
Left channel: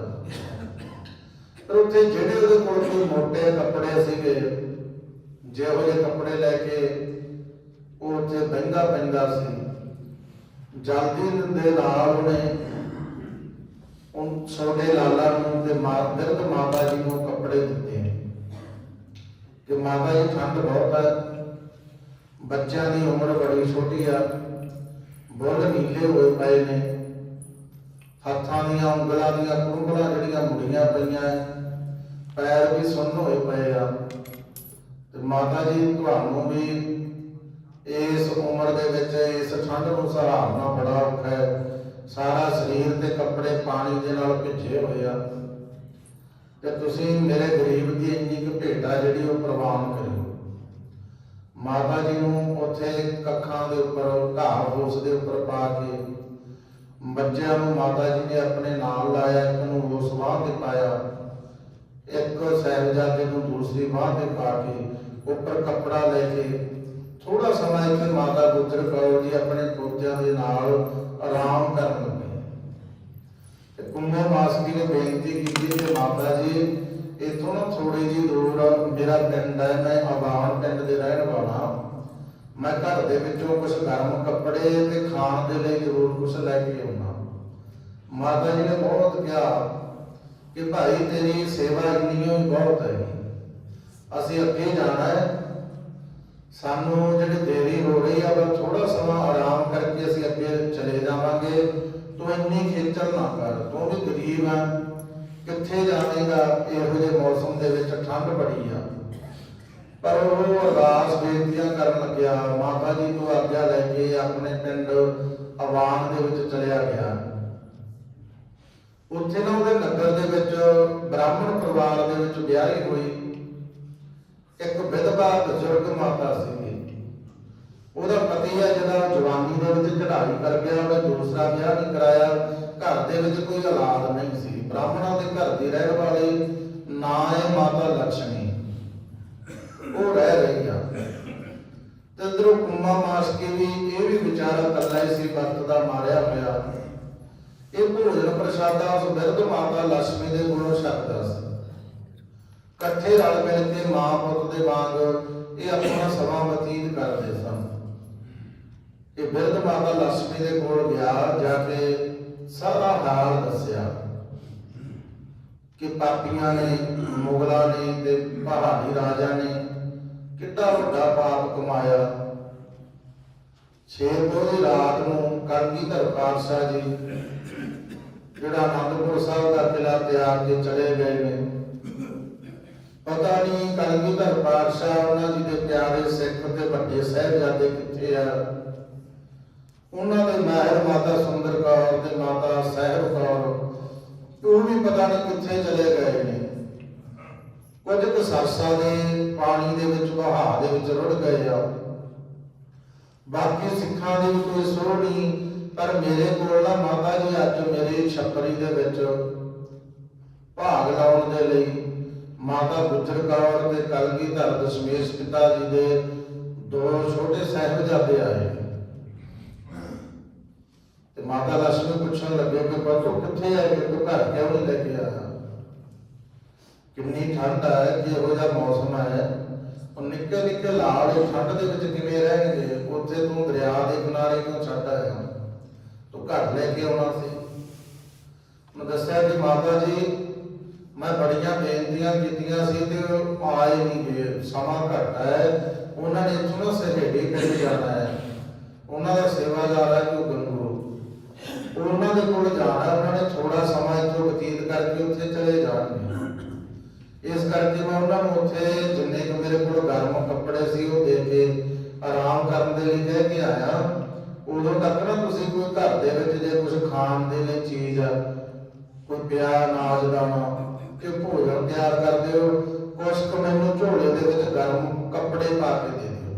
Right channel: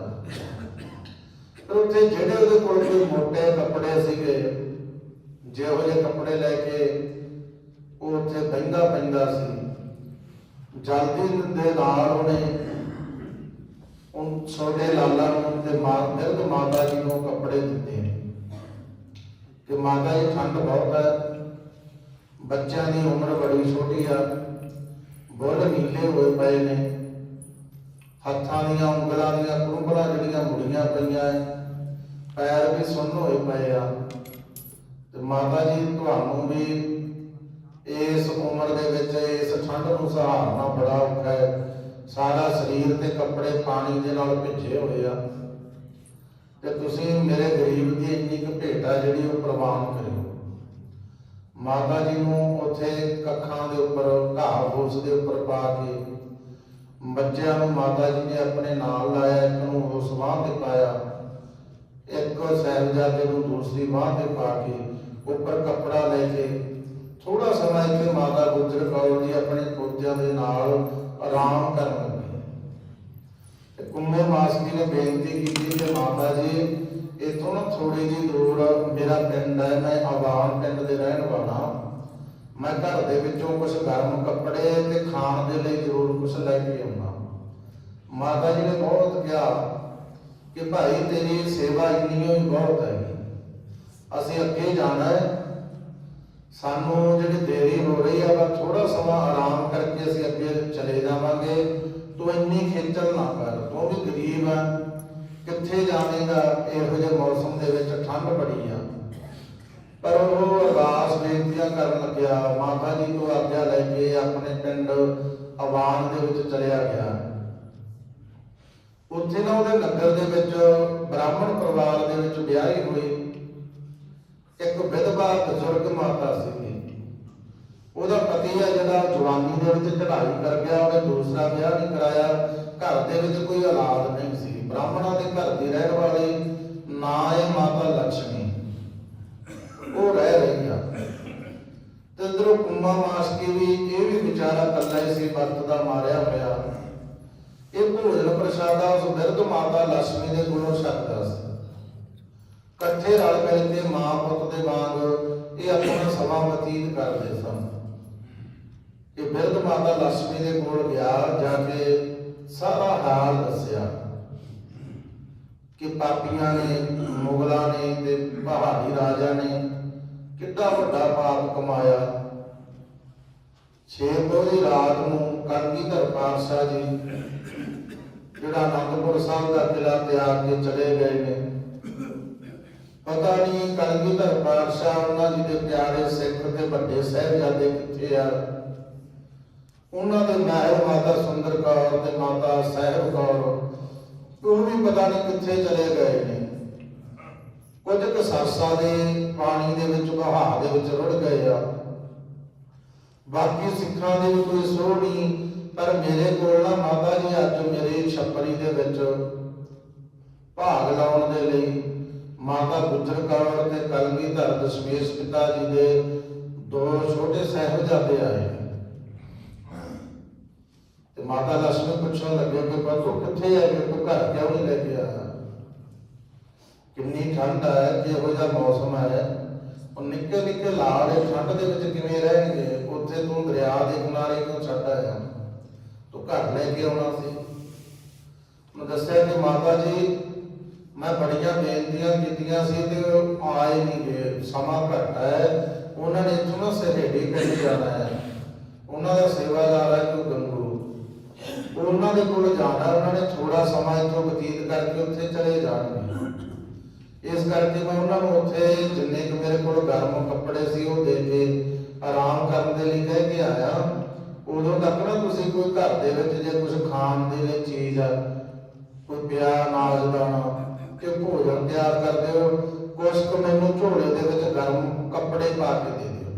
ਪਰ ਉੱਥੇ ਜਿਹੜੇ ਉਹਦੇ ਕੋਲ ਕੋਈ ਮੋٹے ਕੱਪੜੇ ਸੀਗੇ, ਜਿਹੋ ਜਿਹੇ ਕੱਪੜੇ ਲੈ ਕੇ ਉਹ ਉੱਥੇ ਬਹਿੰਦਾ ਪੈਂਦਾ ਸੀ। ਜਲਦੀ ਦੇ ਨਾਲ ਉਹਨੇ ਉਹ ਛੋਟੇ ਲਾਲਾ ਨੂੰ ਤੇ ਮਾਂ ਬਿਰਧ ਮਾਤਾ ਜੀ ਨੂੰ ਕੱਪੜੇ ਦਿੱਤੇ ਕਿ ਮਾਤਾ ਜੀ ਠੰਡ ਬਹੁਤ ਹੈ ਬੱਚਿਆਂ ਦੀ ਉਮਰ ਬੜੀ ਛੋਟੀ ਆ। ਬੁੱਲ ਨੀਲੇ ਹੋਏ ਪਏ ਨੇ। ਹੱਥਾਂ ਦੀਆਂ, ਉਂਗਲਾਂ ਦੀਆਂ, ਕੁੰਗਲਾਂ ਜਿਹੜੀਆਂ ਮੁੜੀਆਂ ਪਈਆਂ ਐ। ਪੈਰ ਵੀ ਸੁੰਨ ਹੋਏ ਪਏ ਆ। ਤੇ ਮਾਤਾ ਜੀ ਤੁਹਾਨੂੰ ਵੀ ਇਸ ਉਮਰ ਦੇ ਵਿੱਚ ਇਸ ਠੰਡ ਨੂੰ ਸਹਾਰਨਾ ਬੜਾ ਔਖਾ ਹੈ ਸਾਰਾ ਸਰੀਰ ਤੇ ਕੱਪੜੇ ਪਾਣੀ ਦੇ ਨਾਲ ਭਿੱਜੇ ਹੋਏ ਆ। ਤੇ ਤੁਸੀਂ ਮੇਰੇ ਗਰੀਬ ਦੀ ਇੰਨੀ ਕੁ ਭੇਟ ਜਿਹੜੀ ਉਹ ਪ੍ਰਵਾਨ ਕਰਿਓ। ਮਾਤਾ ਜੀ ਨੂੰ ਉੱਥੇ ਕੱਖਾਂ ਦੇ ਉੱਪਰ, ਘਾਹ ਫੂਸ ਦੇ ਉੱਪਰ ਪਾ ਕੇ ਬੱਚਿਆਂ ਨੂੰ ਮਾਤਾ ਜੀ ਨੇ ਆਪਣੇ ਨਾਲ ਲਾਇਆ, ਇੱਕ ਨੂੰ ਉਸ ਬਾਂਹ ਤੇ ਪਾਇਆ, ਇੱਕ ਸਹਿਬਜ਼ਾਦੇ ਨੂੰ ਦੂਸਰੀ ਬਾਂਹ ਤੇ ਪਾ ਕੇ ਦੇ ਵਿੱਚੋਂ ਕੁਝ ਗਰਮ ਕੱਪੜੇ ਤੇ ਖਾਣ ਦੇ ਲਈ ਜ਼ਰੂਰ ਕੁਝ ਲੈ ਕੇ ਆਉਣਾ ਮਾਤਾ ਜੀ ਨੇ ਬਹੁਤ ਕਿਹਾ ਕਿ ਭਾਈ, ਤੇਰੀ ਸੇਵਾ ਇੰਨੀ ਹੀ ਬਹੁਤ ਹੈ। ਅਸੀਂ ਅੱਗੇ ਜਾਣਾ ਹੈ। ਸਾਨੂੰ ਜਿਹੜੀ ਦੇਰੀ ਹੋ ਰਹੀ ਆ ਬਸ ਥੋੜਾ ਸਮਾਂ ਆਰਾਮ ਕਰਕੇ ਅਸੀਂ ਅੱਗੇ ਚਲੇ ਜਾਵਾਂਗੇ। ਤੂੰ ਇੰਨੀ ਖੇਚਲ ਨਾ ਕਰ। ਤੂੰ ਵੀ ਗਰੀਬ ਆ। ਕਿੱਥੇ ਜਾਵੇਂਗਾ? ਇਹੋ ਜਿਹੇ ਮੌਸਮ ਦੇ ਵਿੱਚ ਠੰਡ ਬੜੀ ਆ। ਪਰ ਉਹ ਅਰਦਾਸ ਬੇਨਤੀਆਂ ਕਰਨ ਲੱਗਿਆ, ਮਾਤਾ ਜੀ ਤੋਂ ਆਗਿਆ ਲੈ ਕੇ ਆਪਣੇ ਪਿੰਡ ਆਵਾਨ ਦੇ ਵਿੱਚ ਚਲਿਆ ਗਿਆ। ਉੱਥੇ ਨਾ ਉਹਦੇ ਨਗਰ ਦੇ ਵਿੱਚ, ਬ੍ਰਾਹਮਣ ਪਰਿਵਾਰ ਦੇ ਵਿੱਚ ਵਿਆਹੀ ਹੋਈ ਇੱਕ ਵਿਧਵਾ ਬਜ਼ੁਰਗ ਮਾਤਾ ਸੀ ਉਹਦਾ ਪਤੀ ਆ ਜਿਹੜਾ ਜਵਾਨੀ ਦੇ ਵਿੱਚ ਚੜ੍ਹਾਈ ਕਰ ਗਿਆ, ਉਹਨੇ ਦੂਸਰਾ ਵਿਆਹ ਨਹੀਂ ਕਰਾਇਆ, ਘਰ ਦੇ ਵਿੱਚ ਕੋਈ ਔਲਾਦ ਨਹੀਂ ਸੀ। ਬ੍ਰਾਹਮਣਾਂ ਦੇ ਘਰ ਦੀ ਰਹਿਣ ਵਾਲੀ ਨਾ ਹੈ ਮਾਤਾ ਲక్ష్ਮੀ ਉਹ ਰਹਿ ਰਹੀ ਆ ਤੇ ਅੰਦਰੋਂ ਕੁੰਮਾ ਮਾਸ ਕੇ ਵੀ ਇਹ ਵੀ ਵਿਚਾਰਾ ਅੱਲਾ ਇਸੇ ਵਰਤ ਦਾ ਮਾਰਿਆ ਹੋਇਆ। ਇਹ ਭੋਜਨ ਪ੍ਰਸ਼ਾਦਾ ਉਸ ਬਿਰਧ ਮਾਤਾ ਲక్ష్ਮੀ ਦੇ ਗੁਣੋਂ ਸ਼ਕਦਾ ਸੀ। ਇਕੱਠੇ ਰਲ ਮਿਲ ਕੇ ਮਾਂ ਪੁੱਤ ਦੇ ਵਾਂਗ ਇਹ ਆਪਣਾ ਸਮਾਂ ਬਤੀਤ ਕਰਦੇ ਸਨ। ਇਹ ਬਿਰਧ ਮਾਤਾ ਲక్ష్ਮੀ ਦੇ ਕੋਲ ਗਿਆ, ਜਾ ਕੇ ਸਾਰਾ ਹਾਲ ਦੱਸਿਆ ਕਿ ਪਾਪੀਆਂ ਨੇ, ਮੁਗਲਾਂ ਨੇ ਤੇ ਪਹਾੜੀ ਰਾਜਾ ਨੇ ਕਿੱਡਾ ਵੱਡਾ ਪਾਪ ਕਮਾਇਆ। ਛੇ ਪੋਰੀ ਰਾਤ ਨੂੰ ਕਲਗੀਧਰ ਪਾਤਸ਼ਾਹ ਜੀ, ਜਿਹੜਾ ਅਨੰਦਪੁਰ ਸਾਹਿਬ ਦਾ ਕਿਲਾ ਤਿਆਰ ਕੇ ਚਲੇ ਗਏ ਨੇ। ਪਤਾ ਨਹੀਂ ਕਲਗੀਧਰ ਪਾਤਸ਼ਾਹ ਉਹਨਾਂ ਜੀ ਦੇ ਪਿਆਰੇ ਸਿੱਖ ਤੇ ਵੱਡੇ ਸਾਹਿਬਜ਼ਾਦੇ ਕਿੱਥੇ ਆ। ਉਹਨਾਂ ਦੇ ਮਹਿਲ ਮਾਤਾ ਸੁੰਦਰ ਕੌਰ ਤੇ ਮਾਤਾ ਸਾਹਿਬ ਕੌਰ, ਉਹ ਵੀ ਪਤਾ ਨਹੀਂ ਕਿੱਥੇ ਚਲੇ ਗਏ ਨੇ। ਕੁਝ ਕੁ ਸਾਸਾਂ ਦੇ ਪਾਣੀ ਦੇ ਵਿੱਚ, ਵਹਾਅ ਦੇ ਵਿੱਚ ਰੁੜ ਗਏ ਆ। ਬਾਕੀ ਸਿੱਖਾਂ ਦੀ ਕੋਈ ਸੋਹ ਨਹੀਂ, ਪਰ ਮੇਰੇ ਕੋਲ ਨਾ ਮਾਤਾ ਜੀ, ਅੱਜ ਮੇਰੇ ਛੱਪਰੀ ਦੇ ਵਿੱਚ ਭਾਗ ਲਾਉਣ ਦੇ ਲਈ ਮਾਤਾ ਗੁਜਰ ਕੌਰ ਤੇ ਕਲਗੀਧਰ ਦਸ਼ਮੇਸ਼ ਪਿਤਾ ਜੀ ਦੇ ਦੋ ਛੋਟੇ ਸਾਹਿਬਜ਼ਾਦੇ ਆਏ। ਤੇ ਮਾਤਾ ਲక్ష్ਮੀ ਪੁੱਛਣ ਲੱਗੇ ਕਿ ਤੂੰ ਕਿੱਥੇ ਹੈ ਕਿ ਤੂੰ ਘਰ ਕਿਉਂ ਨਹੀਂ ਲੈ ਕੇ ਆਇਆ? ਕਿੰਨੀ ਠੰਡ ਹੈ ਕਿ ਜਿਹਾ ਮੌਸਮ ਹੈ, ਉਹ ਨਿੱਕੇ ਨਿੱਕੇ ਲਾੜ ਠੰਡ ਦੇ ਵਿੱਚ ਕਿਵੇਂ ਰਹਿਣਗੇ? ਉੱਥੇ ਤੂੰ ਦਰਿਆ ਦੇ ਕਿਨਾਰੇ ਕਿਉਂ ਛੱਡ ਆਇਆ ਤੂੰ ਘਰ ਲੈ ਕੇ ਆਉਣਾ ਸੀ। ਉਹਨੇ ਦੱਸਿਆ ਕਿ ਮਾਤਾ ਜੀ, ਮੈਂ ਬੜੀਆਂ ਬੇਨਤੀਆਂ ਕੀਤੀਆਂ ਸੀ ਤੇ ਆਏ ਨਹੀਂ ਗਏ ਸਮਾਂ ਘੱਟ ਹੈ। ਉਹਨਾਂ ਨੇ ਇੱਥੋਂ ਸਹੇੜੀ ਪਿੰਡ ਜਾਣਾ ਹੈ। ਉਹਨਾਂ ਦਾ ਸੇਵਾਦਾਰ ਹੈ ਕਿ ਗੰਗੂ। ਉਹਨਾਂ ਦੇ ਕੋਲ ਜਾਣਾ ਉਹਨਾਂ ਨੇ ਥੋੜਾ ਸਮਾਂ ਇੱਥੋਂ ਬਤੀਤ ਕਰਕੇ ਉੱਥੇ ਚਲੇ ਜਾਣਗੇ। ਇਸ ਕਰਕੇ ਮੈਂ ਉਹਨਾਂ ਨੂੰ ਉੱਥੇ ਜਿੰਨੇ ਕੁ ਮੇਰੇ ਕੋਲ ਗਰਮ ਕੱਪੜੇ ਸੀ ਉਹ ਦੇ ਕੇ ਆਰਾਮ ਕਰਨ ਦੇ ਲਈ ਕਹਿ ਕੇ ਆਇਆ। ਉਦੋਂ ਤੱਕ ਨਾ ਤੁਸੀਂ ਕੋਈ ਘਰ ਦੇ ਵਿੱਚ ਜੇ ਕੁਝ ਖਾਣ ਦੇ ਲਈ ਚੀਜ਼, ਕੋਈ ਪਿਆ ਨਾਜ ਦਾਣਾ ਕਿ ਭੋਜਨ ਤਿਆਰ ਕਰ ਦਿਓ ਕੁਛ ਕੁ ਮੈਨੂੰ ਝੋਲੇ ਦੇ ਵਿੱਚ ਗਰਮ ਕੱਪੜੇ ਪਾ ਕੇ ਦੇ ਦਿਓ।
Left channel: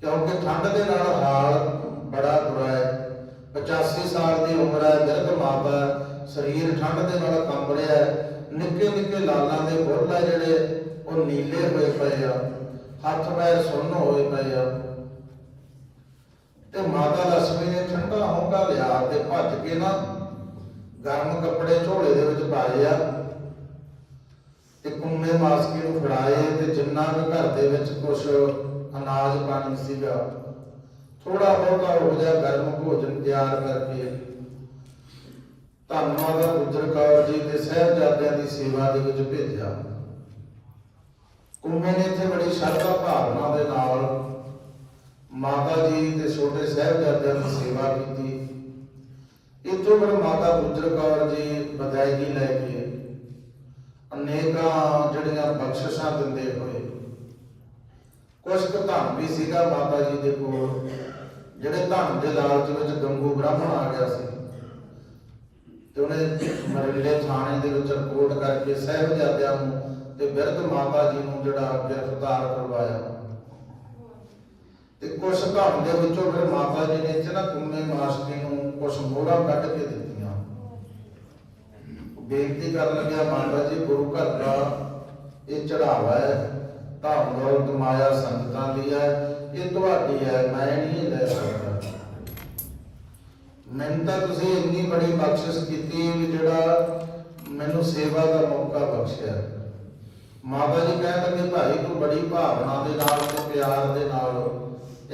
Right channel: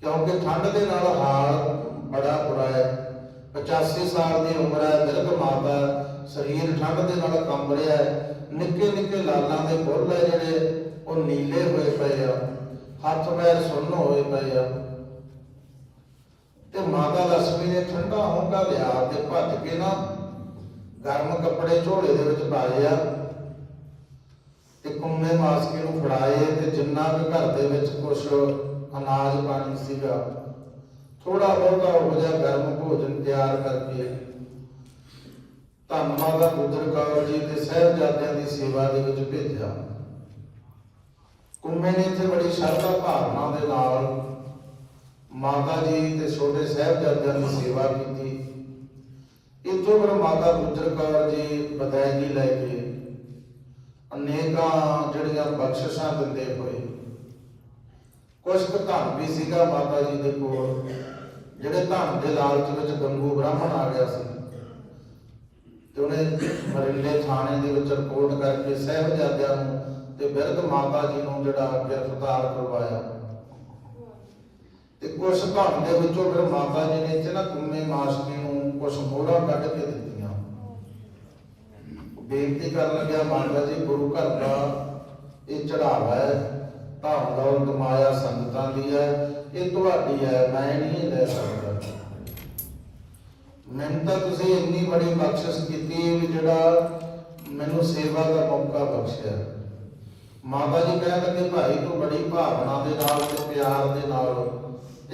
ਕਿਉਂਕਿ ਠੰਡ ਦੇ ਨਾਲ ਹਾਲ ਬੜਾ ਬੁਰਾ ਹੈ। 85 ਸਾਲ ਦੀ ਉਮਰ ਹੈ ਬਿਰਧ ਮਾਤਾ ਸਰੀਰ ਠੰਡ ਦੇ ਨਾਲ ਕੰਬ ਰਿਹਾ ਹੈ। ਨਿੱਕੇ ਨਿੱਕੇ ਲਾਲਾਂ ਦੇ ਬੁੱਲ ਆ ਜਿਹੜੇ, ਉਹ ਨੀਲੇ ਹੋਏ ਪਏ ਆ, ਹੱਥ ਪੈਰ ਸੁੰਨ ਹੋਏ ਪਏ ਆ। ਤੇ ਮਾਤਾ ਲక్ష్ਮੀ ਨੇ ਠੰਡਾ ਹੋਂਕਾ ਲਿਆ ਤੇ ਭੱਜ ਕੇ ਨਾ ਗਰਮ ਕੱਪੜੇ ਝੋਲੇ ਦੇ ਵਿੱਚ ਪਾਏ ਆ ਤੇ ਕੁੰਮੇ ਮਾਸਕੇ ਨੂੰ ਫੜਾਏ ਤੇ ਜਿੰਨਾ ਵੀ ਘਰ ਦੇ ਵਿੱਚ ਕੁਝ ਅਨਾਜ ਪਾਣੀ ਸੀਗਾ ਥੋੜਾ ਬਹੁਤਾ ਹੋ ਜਾ ਗਰਮ ਭੋਜਨ ਤਿਆਰ ਕਰਕੇ। ਧੰਨਵਾਦ ਆ ਗੁਜਰ ਕੌਰ ਜੀ ਤੇ ਸਹਿਬਜ਼ਾਦਿਆਂ ਦੀ ਸੇਵਾ ਦੇ ਵਿੱਚ ਭੇਜਿਆ। ਕੁੰਮੇ ਨੇ ਇੱਥੇ ਬੜੀ ਸ਼ਰਧਾ ਭਾਵਨਾ ਦੇ ਨਾਲ ਮਾਤਾ ਜੀ ਤੇ ਛੋਟੇ ਸਹਿਬਜ਼ਾਦਿਆਂ ਦੀ ਸੇਵਾ ਕੀਤੀ। ਇੱਥੋਂ ਫਿਰ ਮਾਤਾ ਗੁਜਰ ਕੌਰ ਜੀ ਬਦਾਇਗੀ ਲੈ ਕੇ ਅਨੇਕਾਂ ਜਿਹੜੀਆਂ ਬਖਸ਼ਿਸ਼ਾਂ ਦਿੰਦੇ ਹੋਏ ਕੁਝ ਕੁ ਧਨ ਵੀ ਸੀਗਾ ਮਾਤਾ ਜੀ ਦੇ ਕੋਲ, ਜਿਹੜੇ ਧਨ ਦੇ ਲਾਲਚ ਵਿੱਚ ਗੰਗੂ ਬ੍ਰਾਹਮਣ ਆ ਗਿਆ ਸੀ। ਤੇ ਉਹਨੇ ਮਰਲੇ ਥਾਣੇ ਦੇ ਵਿੱਚ ਰਿਪੋਰਟ ਕਰਕੇ ਸਹਿਬਜ਼ਾਦਿਆਂ ਨੂੰ ਤੇ ਬਿਰਧ ਮਾਤਾ ਜੀ ਨੂੰ ਜਿਹੜਾ ਗ੍ਰਿਫਤਾਰ ਕਰਵਾਇਆ। ਤੇ ਕੁਝ ਧਨ ਦੇ ਵਿੱਚੋਂ ਫਿਰ ਮਾਤਾ ਜੀ ਨੇ ਇੱਥੇ ਕੁੰਮੇ ਮਾਸਕੀ ਨੂੰ ਕੁਝ ਮੋਹਰਾਂ ਕੱਢ ਕੇ ਦਿੱਤੀਆਂ। ਬੇਨਤੀ ਕਰਨ ਲੱਗਿਆ, ਮਹਾਰਾਜ ਜੀ, ਗੁਰੂ ਘਰ ਦਾ ਇਹ ਚੜਾਵਾ ਹੈ। ਧਨ ਦੌਲਤ ਮਾਇਆ ਸੰਗਤਾਂ ਦੀ ਹੈ। ਇਹ ਤੁਹਾਡੀ ਹੈ, ਮੈਂ ਨਹੀਂ ਲੈ ਸਕਦਾ। ਮੈਨੂੰ ਤਾਂ ਤੁਸੀਂ ਇੰਨੀ ਬੜੀ ਬਖਸ਼ਿਸ਼ ਕੀਤੀ ਵੀ ਜਿਹੜਾ ਮੈਨੂੰ ਸੇਵਾ ਦਾ ਮੌਕਾ ਬਖਸ਼ਿਆ। ਮਾਤਾ ਜੀ ਕਹਿੰਦੇ ਕਿ ਭਾਈ, ਤੂੰ ਬੜੀ ਭਾਵਨਾ ਦੇ ਨਾਲ ਤੇ ਪਿਆਰ ਦੇ ਨਾਲ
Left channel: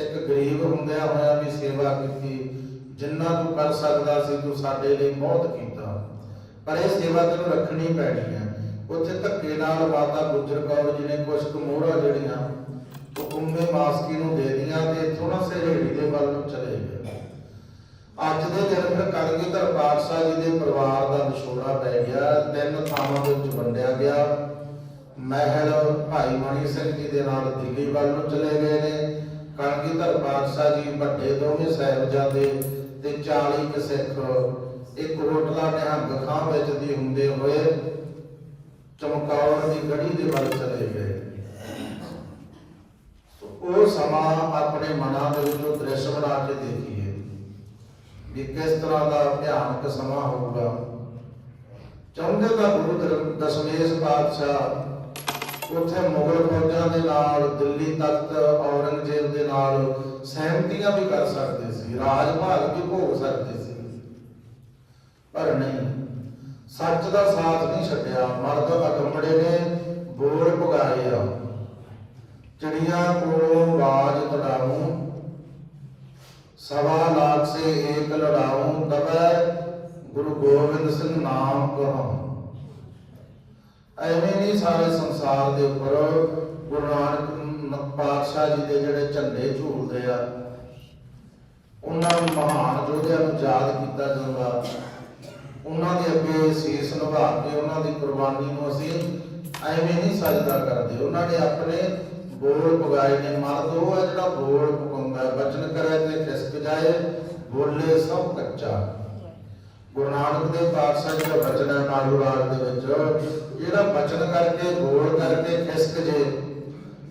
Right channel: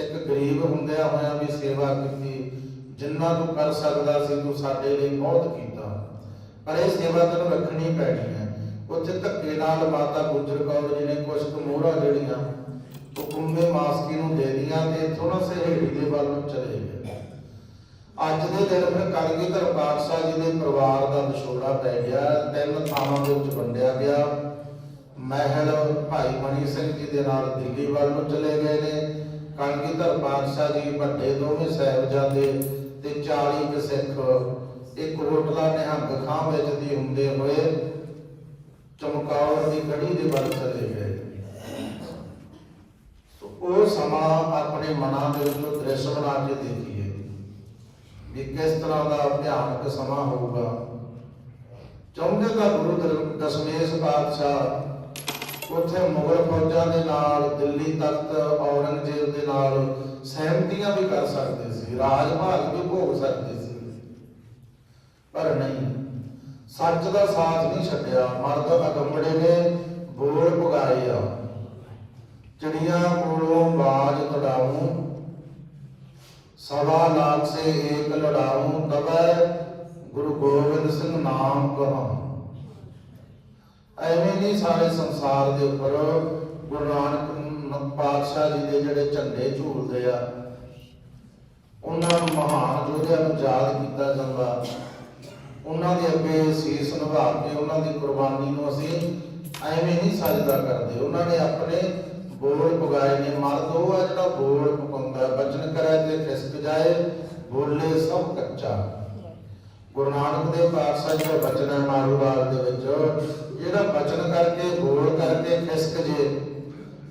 ਇੱਕ ਗਰੀਬ ਹੁੰਦਿਆਂ ਹੋਇਆਂ ਵੀ ਸੇਵਾ ਕੀਤੀ। ਜਿੰਨਾ ਤੂੰ ਕਰ ਸਕਦਾ ਸੀ, ਤੂੰ ਸਾਡੇ ਲਈ ਬਹੁਤ ਕੀਤਾ। ਪਰ ਇਹ ਸੇਵਾ ਤੈਨੂੰ ਰੱਖਣੀ ਪੈਣੀ ਹੈ। ਉੱਥੇ ਧੱਕੇ ਨਾਲ ਮਾਤਾ ਗੁਜਰ ਕੌਰ ਜੀ ਨੇ ਕੁਝ ਕੁ ਮੋਹਰਾਂ ਜਿਹੜੀਆਂ ਉਹ ਕੁੰਮੇ ਮਾਸਕੀ ਨੂੰ ਦੇ ਦੀਆਂ ਤੇ ਥੋੜਾ ਸਹੇੜੀ ਦੇ ਵੱਲ ਨੂੰ ਚਲੇ ਗਏ। ਅੱਜ ਦੇ ਦਿਨ ਫਿਰ ਕਲਗੀਧਰ ਪਾਤਸ਼ਾਹ ਜੀ ਦੇ ਪਰਿਵਾਰ ਦਾ ਵਿਛੋੜਾ ਪੈ ਗਿਆ, ਤਿੰਨ ਥਾਵਾਂ ਦੇ ਵਿੱਚ ਵੰਡਿਆ ਗਿਆ। ਮਹਿਲ ਭਾਈ ਮਣੀ ਸਿੰਘ ਜੀ ਦੇ ਨਾਲ ਦਿੱਲੀ ਵੱਲ ਨੂੰ ਚਲੇ ਗਏ ਨੇ। ਕਲਗੀਧਰ ਪਾਤਸ਼ਾਹ ਜੀ ਵੱਡੇ ਦੋਵੇਂ ਸਾਹਿਬਜ਼ਾਦੇ ਤੇ 40 ਕੁ ਸਿੱਖ, ਇੱਕ ਹੋਟਲਾ ਨਿਹੰਗ ਖਾਂ ਵਿੱਚ ਦੀ ਹੁੰਦੇ ਹੋਏ ਚਮਕੌਰ ਦੀ ਗੜੀ ਦੇ ਵੱਲ ਚਲੇ ਗਏ। ਉਹ ਸਮਾਂ ਆਪਣੇ ਮਨਾਂ ਦੇ ਵਿੱਚੋਂ ਦ੍ਰਿਸ਼ ਬਣਾ ਕੇ ਦੇਖੀਏ ਵੀ ਕਿਸ ਤਰ੍ਹਾਂ ਦਾ ਭਿਆਨਕ ਸਮਾਂ ਹੋਊਗਾ। ਚਾਹੁੰਦੇ ਤਾਂ ਗੁਰੂ ਦਸ਼ਮੇਸ਼ ਪਾਤਸ਼ਾਹ ਉੱਥੇ ਮੁਗਲ ਫੌਜਾਂ ਦੇ ਨਾਲ, ਦਿੱਲੀ ਤਖਤ, ਔਰੰਗਜ਼ੇਬ ਦੇ ਨਾਲ ਸਹਿਮਤੀਆਂ ਵੀ ਕਰ ਸਕਦੇ ਸੀ, ਰਾਜ ਭਾਗ ਵੀ ਭੋਗ ਸਕਦੇ ਸੀ। ਪਰ ਨਹੀਂ, ਸੱਚ ਦਾ ਸਾਥ ਨਹੀਂ ਛੱਡਿਆ, ਮਰਦ ਅਗੰਬੜੇ ਨੇ ਬੋਲ ਪੁਗਾਏ ਆ। ਚਿੜੀਆਂ ਕੋਲੋਂ ਬਾਜ ਤੜਾਉਂ ਸਵਾ ਲਾਖ ਸੇ ਏਕ ਲੜਾਉਂ ਦਬੈ ਗੁਰੂ ਗੋਬਿੰਦ ਸਿੰਘ ਨਾਮ ਕਹਾਂ ਐਵੇਂ ਨਹੀਂ ਸਾਰੇ ਸੰਸਾਰ ਦੇ ਉੱਪਰ ਗੁਰੂ ਨਾਨਕ ਪਾਤਸ਼ਾਹ ਜੀ ਦੇ ਜਿਹੜੇ ਝੰਡੇ ਝੂਲਦੇ ਆ, ਉਹਨਾਂ ਮਹਾਨ ਯੋਧਿਆਂ ਨੂੰ ਯਾਦ ਕੀਤਾ ਜਾਂਦਾ। ਉਹਨਾਂ ਦੇ ਅੱਗੇ ਸੀਸ ਨਿਭਾ ਕੇ ਉਹਨਾਂ ਦੀ ਕੁਰਬਾਨੀ ਨੂੰ ਅਸੀਂ ਐਵੇਂ ਨਹੀਂ ਸਜਦਾ ਕਰਦੇ। ਉਹਨਾਂ ਨੇ ਆਪਣੇ ਬੋਲ ਪੁਗਾਏ ਨੇ ਮਰਦ ਉਹ ਹੈ ਜਿਹੜਾ ਬੋਲ ਪੁਗਾਉਂਦਾ ਬਚਨ ਕਰੇ ਤੇ ਖਿਸਕ ਜਾਏ, ਬੋਲੇ ਸਭ ਕੱਚਾ। ਗੁਰੂ ਨਾਨਕ ਦੇਵ ਪਾਤਸ਼ਾਹ ਜੀ ਦਾ ਬਚਨ ਹੈ ਮਾਰੂ ਦੇ ਵਿੱਚ, ਜਿਹੜਾ ਬਚਨ ਕਰਕੇ, ਬੋਲ ਕਰਕੇ ਖਿਸਕ ਜੇ,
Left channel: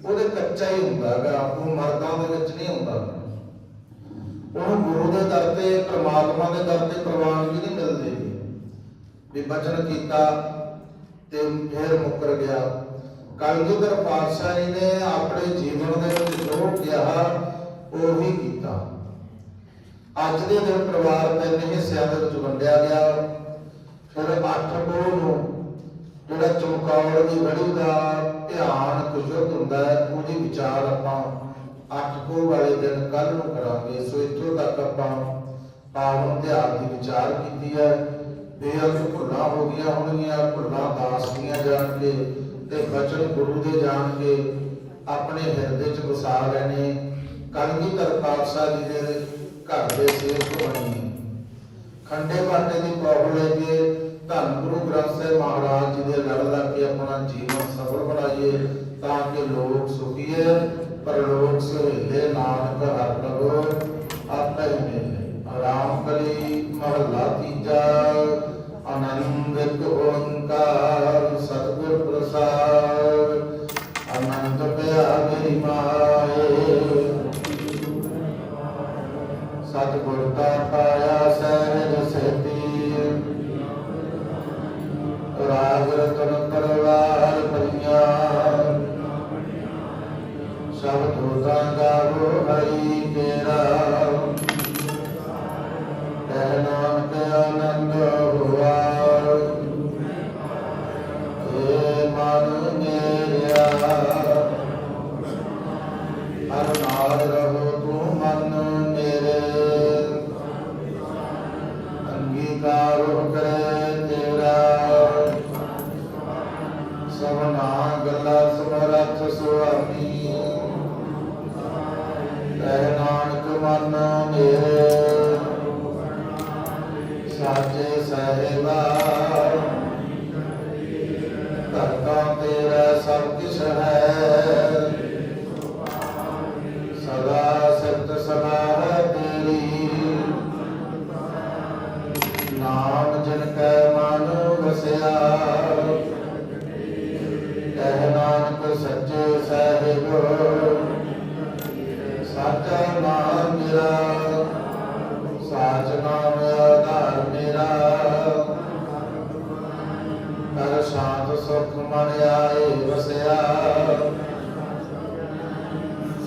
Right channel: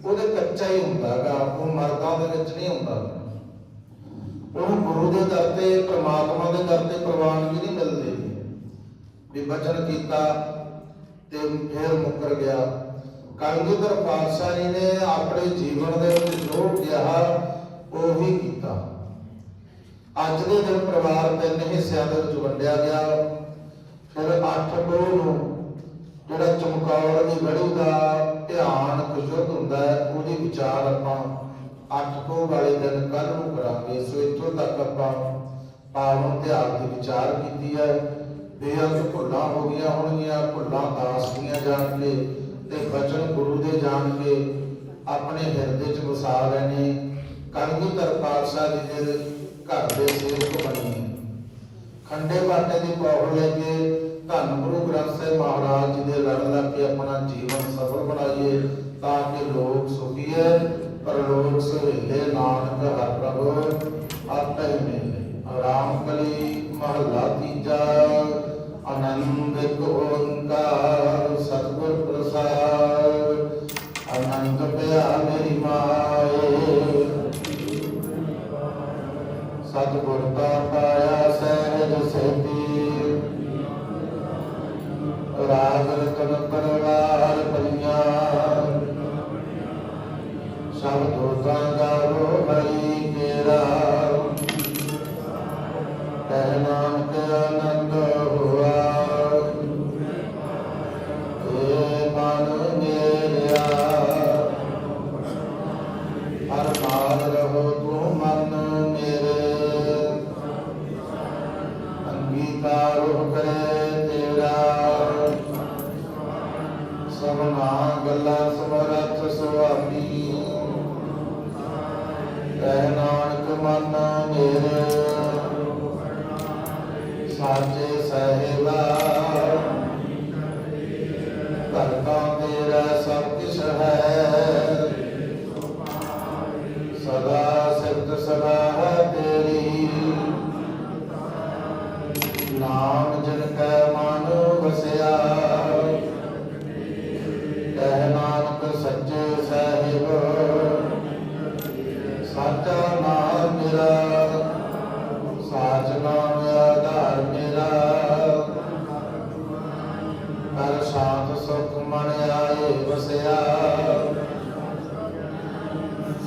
ਉਹਦੇ ਕੱਚਾ ਹੀ ਹੁੰਦਾਗਾ ਉਹ ਮਰਦਾਂ ਦੇ ਵਿੱਚ ਨਹੀਂ ਹੁੰਦਾ। ਉਹਨੂੰ ਗੁਰੂ ਦੇ ਦਰ ਤੇ, ਪ੍ਰਮਾਤਮਾ ਦੇ ਦਰ ਤੇ ਪ੍ਰਵਾਨ ਵੀ ਨਹੀਂ ਮਿਲਦੀ। ਵੀ ਬਚਨ ਕੀਤਾ ਤੇ ਫਿਰ ਮੁੱਕਰ ਗਿਆ। ਕਲਗੀਧਰ ਪਾਤਸ਼ਾਹ ਜੀ ਨੇ ਆਪਣੇ ਜੀਵਨ ਦੇ ਵਿੱਚ ਜੋ ਕਿਹਾ, ਉਹ ਕੀਤਾ। ਅੱਜ ਦੇ ਦਿਨ ਪਰਿਵਾਰ ਤਿੰਨ ਹਿੱਸਿਆਂ ਦੇ ਵਿੱਚ ਵੰਡਿਆ ਗਿਆ। ਫਿਰ ਅੱਠ ਪੋਹ ਨੂੰ ਜਿਹੜਾ ਚਮਕੌਰ ਦੀ ਗੜੀ ਦਾ ਧਿਆਨ ਕੁਸ਼ਤ ਹੁੰਦਾ ਹੈ, ਉਹਦੀ ਵਿਚਾਰ ਆਪਾਂ ਅੱਠ ਪੋਹ ਵਾਲੇ ਦਿਨ ਕੱਲ ਨੂੰ ਕਰਾਂਗੇ। ਸੋ ਇੱਥੋਂ ਤੱਕ ਆਪਾਂ ਪਾਵਨ ਤਿਉਹਾਰ ਦੀ ਵਿਚਾਰ ਕੀਤੀ ਹੈ। ਬੇਅੰਤ ਭੁੱਲਾਂ ਹੋ ਗਈਆਂ ਹੋਣਗੀਆਂ, ਭੁੱਲਾਂ ਦਾਸ ਦੀਆਂ ਜਾਣਗੇ ਤੇ ਬਚਨ ਗੁਰੂ ਦੇ ਜਾਣਗੇ ਆਪਣੇ ਹਿਰਦੇ 'ਚ ਵਸਾ ਲੈਣੇ ਕਲਗੀਧਰ ਪਾਤਸ਼ਾਹ ਜੀ ਦੇ ਘਰ ਦੇ ਸੇਵਕ ਬਣੀਏ ਖੰਡੇ ਬਾਟੇ ਦੀ ਪੌੜ ਲੈ ਕੇ ਧੰਨ ਗੁਰੂ ਗ੍ਰੰਥ ਸਾਹਿਬ ਮਹਾਰਾਜ ਜੀ ਦੇ ਲੜ ਲੱਗ ਕੇ ਆਪਣਾ ਜੀਵਨ ਸਫਲ ਬਣਾਈਏ ਤਾਂ ਕਿ ਲੋਕ ਸੁਖੀਏ ਪਰ ਲੋਕ ਸੁਹੇਲੇ ਨਾਨਕ ਹਰ ਪ੍ਰਭੂ ਆਪੇ ਮਿਲੇ। ਆਰਾਮ ਕਲੀ ਮਹਲਾ ਤੀਜਾ, ਆਨੰਦ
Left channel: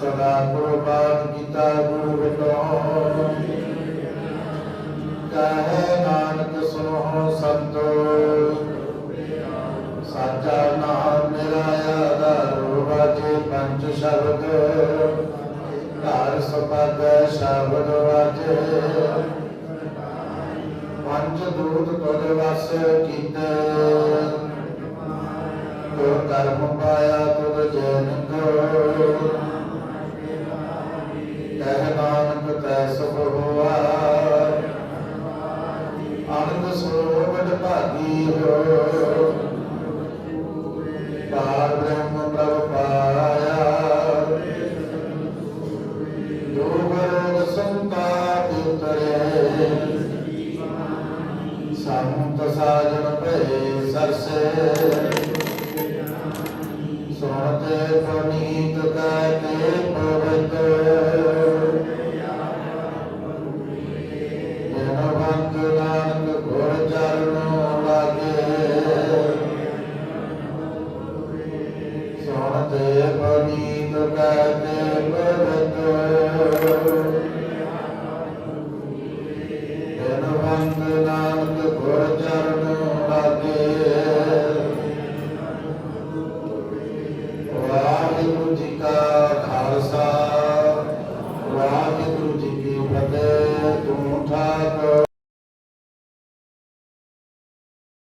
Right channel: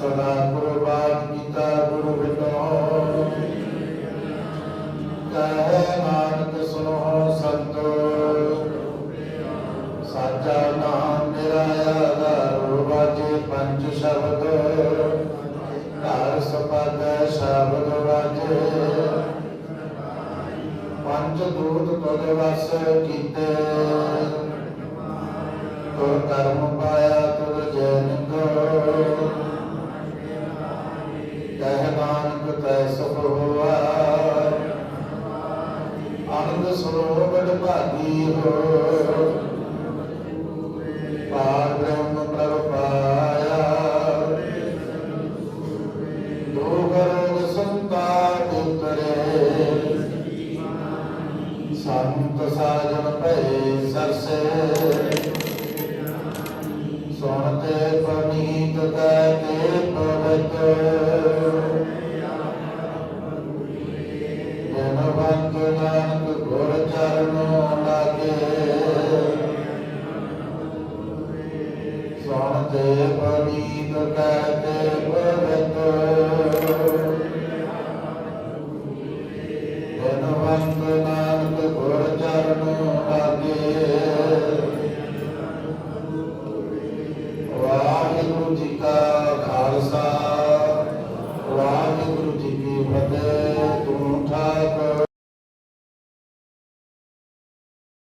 ਸਦਾ ਕੁਰਬਾਨ ਕੀਤਾ ਗੁਰੂ ਵਿਟੋ ਕਹੈ ਨਾਨਕ ਸੁਨੋ ਸੰਤੋ। ਸਾਚਾ ਨਾਮ ਮੇਰਾ ਆਧਾਰ ਵਾਜੇ ਪੰਜ ਸ਼ਬਦ। ਘਰ ਸਪਾਗੈ ਸ਼ਬਦ ਵਾਜੇ ਪੰਜ ਦੂਤ ਤੁਧ ਵਸ ਕੀਤੇ। ਤੁਰ ਕਰਮ ਪਾਇਆ ਤੁਧ ਜੈ ਨਿੰਦੋ ਸੰਤ ਸਾਜਨ ਭਏ ਸਰਸੇ